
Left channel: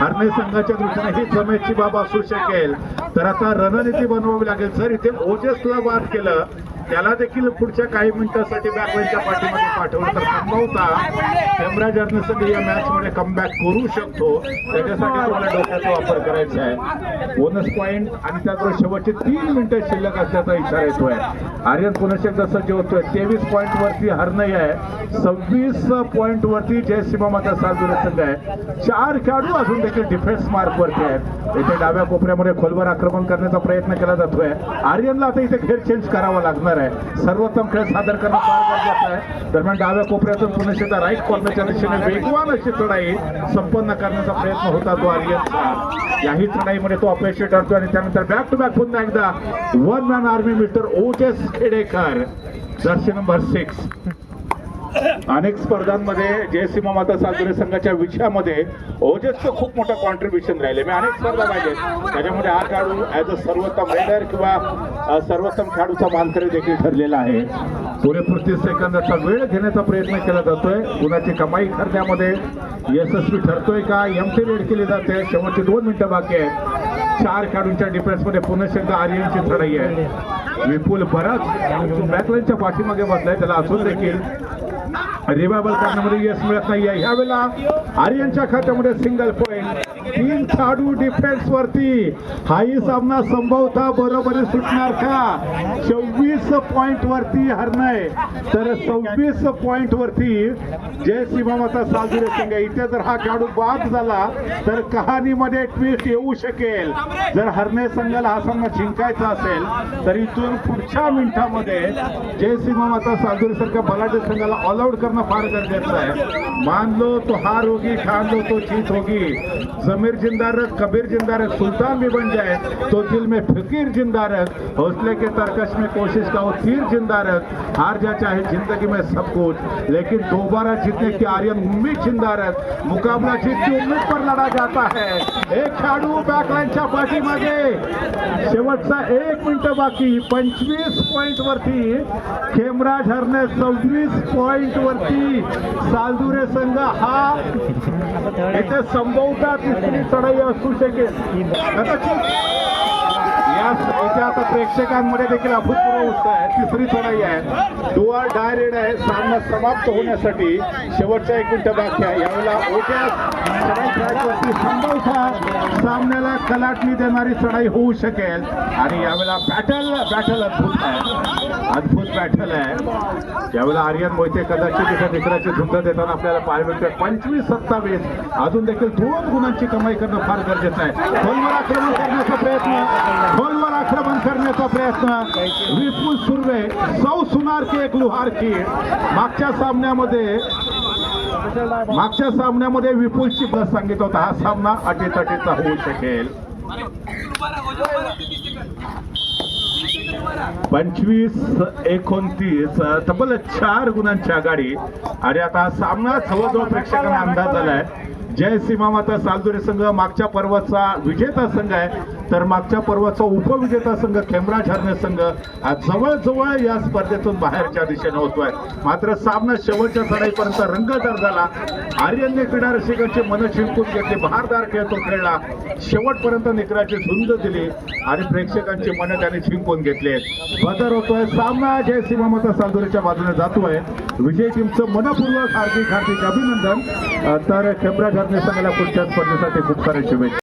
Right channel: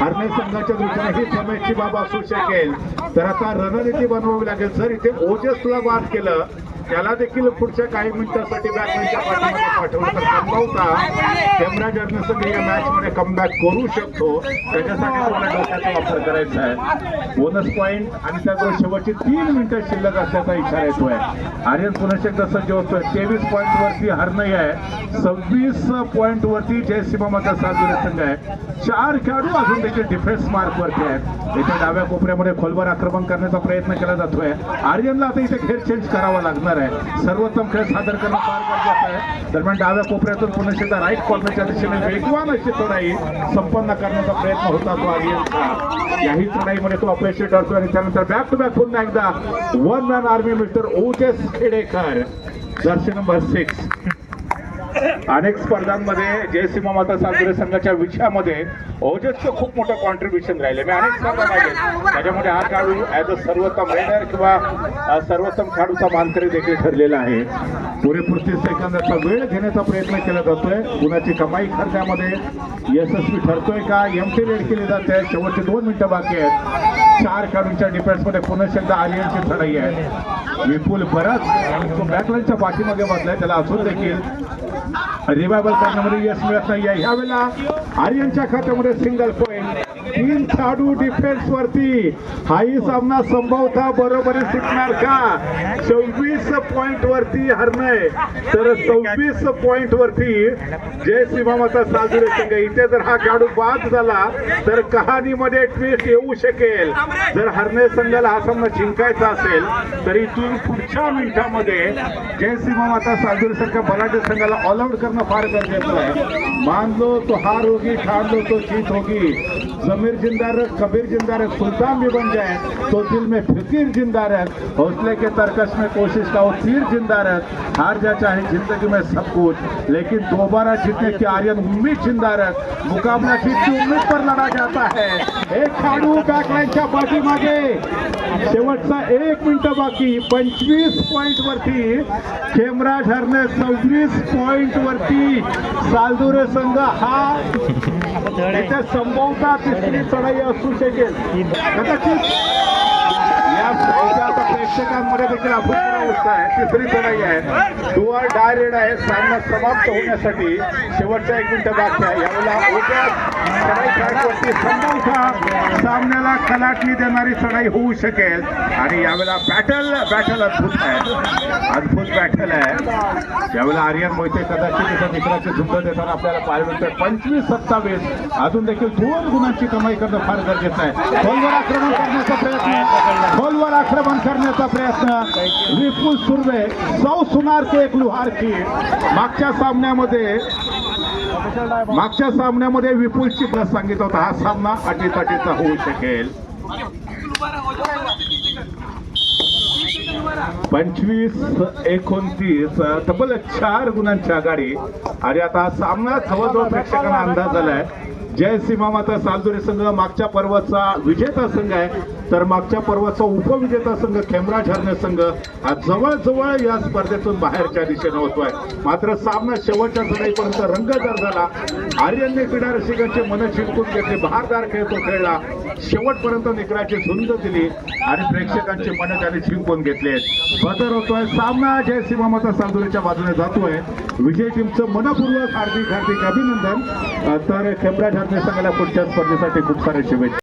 हरणे संघाच्या दृष्टीने ही जमेची बाब असू शकेल, तर आता रणनीती बनवावी लागेल. जर इथे ओजसला बाद केलं त्याला देखील पुढच्या काही मिनिटांसाठी बॅकलाईनच्या पाठीमागे पाठवण्याचा संभवता खेमराज हरणे संघ या मॅच मध्ये कमबॅक करू शकतो. त्याच्यासाठी तुम्हाला डोक्याचा वापर करायचा आहे. बोनस पॉईंट आणि त्याबरोबर शेवटचे 3 मिनिटं शिल्लक असल्याचा इशारा येतोय. आर्यन पुनश्च एकदा सज्ज होतोय. 23 पॉईंट वरती हरणे आहे, 26 पॉईंट वरती जय श्रीमामाचा सालदुरे संघ आहे. 4 खेळाडू अजून देखील डिफेन्स मार्क वरती आहेत. इथे डाव्या कोपऱ्यामध्ये खोलवर आक्रमण करण्याचा प्रयत्न केला जातोय. आर्यनला आता इथे खेळ चेंज करावा लागणार आहे. सर्वोत्तम खेळ सादर करणं फार गरजेचं आहे. दरम्यान डाव्या कोपऱ्यातून पुनश्च राईट कॉर्नरच्या दिशेने वेगवान अशी चढाई संपन्न करण्याचा प्रयत्न होता तो आर्यनचा. याही चढाईमध्ये तो अपयशी ठरतो आणि त्यानंतर बॅक टू बॅक पुन्हा एकदा 1 मॅन आर्मी मिस्टर ओजस खेडेकर, जर्सी नंबर 6. अनेक स्पर्धांमध्ये जयसिंह माता सालुरे संघाच्या विषयामध्ये ओजसचं खूप मोठं कॉन्ट्रीब्युशन राहिले. मी अनेक स्पर्धा पाहिजेत त्याच्यामध्ये हा खेळाडू ॲज अ सर्वोत्तम रेडर किंवा सर्वोत्तम खेळाडूचा मानकरी देखील ठरलेला आहे. पुरेपूर 30 सेकंदाचा वेळ घेण्याचा प्रयत्न केला जातोय. गुणाची कमाई करण्यामध्ये यशस्वी ठरतोय का? एमटी रेड केली जाते. शेवटचे 2 मिनिटं बाकी आहेत. 4 खेळाडूंच्या डिफेन्समध्ये पुन्हा एकदा आर्यनची चढाई आहे. विपुल बराच बॅकलाईनच्या पाठीमागे बसलाय. त्याला अजून देखील रिवायवल करण्यामध्ये यश मिळत नाहीये. ह्यावेळेला आर्यनच्या खात्यामध्ये सिंगल पॉइंट. 3 खेळाडू डिफेन्स वरती. हाही सामना संभवता बरोबरी सुटणार का? 26 पॉइंट वरती हरणे तर 26 पॉइंट वरती जयसिंह माता सालुरे संघ. इथे जर हा खेळाडू बाद झाला तर कहाणीमध्ये ट्विस्ट येऊ शकेल. जर हरणे संघाला हा सामना जिंकायचा असेल तर इथून पुढच्या मिनिटांमध्ये जयसिंह माता सालुरे संघ बलाढ्य संघाला ऑल आउट करणं फार गरजेचं आहे. मान लो तो हार होगी, ठान लो तो जीत होगी. जमीर जिंदा रख, कबीर जिंदा रख, सुल्तान भी बन जाए तो दिल में फिकीर जिंदा रख. हौसले के तरकश में कोशिश का वो तीर जिंदा रख. हार जा चाहे जिंदगी में सब कुछ लेकिन दोबारा जीतने की आर्यन उम्मीद जिंदा रख. मुकाबला जीत की उम्मीद पर लड़ा जाता है. एक खेळाडू बॅकलाईनच्या पाठीमागे. शेवटचा 1 मिनिट बाकी. 25 पॉइंट वरती खेमराज हरणे. 26 पॉइंट वरती सालुरे संघ. हा याच्या संभवता तिसरी चढाई असू शकेल कदाचित. या आता प्रेक्षकांमध्ये देखील अभूतपूर्व उत्साह आहे. तिसरी चढाई आहे. डू ऑर डाय रेड आहे. सामना समाप्त होण्यासाठी शेवटचा 1 मिनिट बाकी आहे. यावेळेला संभवता सामन्याला कलाटणी देणारी चढाई होऊ शकेल आणि यावेळेला बॅटल अद्भुत आहे. अद्भुत बॅटल आहे. यावेळेला आर्यन मोहिते कदाचित त्याच्या मित्राची झुंड देताना आपल्याला पाहायला मिळते. 25-27 अजून देखील 2 गुणांची कमाई करणं फार गरजेचं आहे. खोलवर आक्रमण करण्याचा प्रयत्न. विपुल सुर्वे 100 सुनार के एक लुहार की. मागच्या सामन्यामध्ये विपुलची प्लस सांगितलं होतं. हा सामना अटीतटीचा होऊ शकेल. 25-29 तब्बल 4 गुणांची आघाडी. आणि आता हा सामना जवळजवळ प्रेक्षकांना अंदाज झालाय. जयसिंह माता सालुरे संघ मागच्या पर्वाचा विजेता संघ आहे तर मागच्या पर्वाचा उपविजेता संघ खेमराज हरणे संघ हा जवळजवळ या स्पर्धेतून बाहेरच्या दिशेने होतोय. मात्र सामना शेवटच्या चढाईपर्यंत रंगतदार झाला. आर्यनने क्रीडा रसिकांची मन जिंकून घेतली. बहारदार खेळ तो खेळला. शेवटपर्यंत निकराची झुंज दिली आणि प्रेक्षकांची मन त्याने जिंकून घेतले. बदल होतोय. सामना जयसिंह माता सालुरेच्या बाजूने जातोय. विजय टीमचं मनपूर्वक हार्दिक अभिनंदन. तर खेमराज हरणे संघाला पुढच्या स्पर्धेसाठी खूप सारे शुभेच्छा.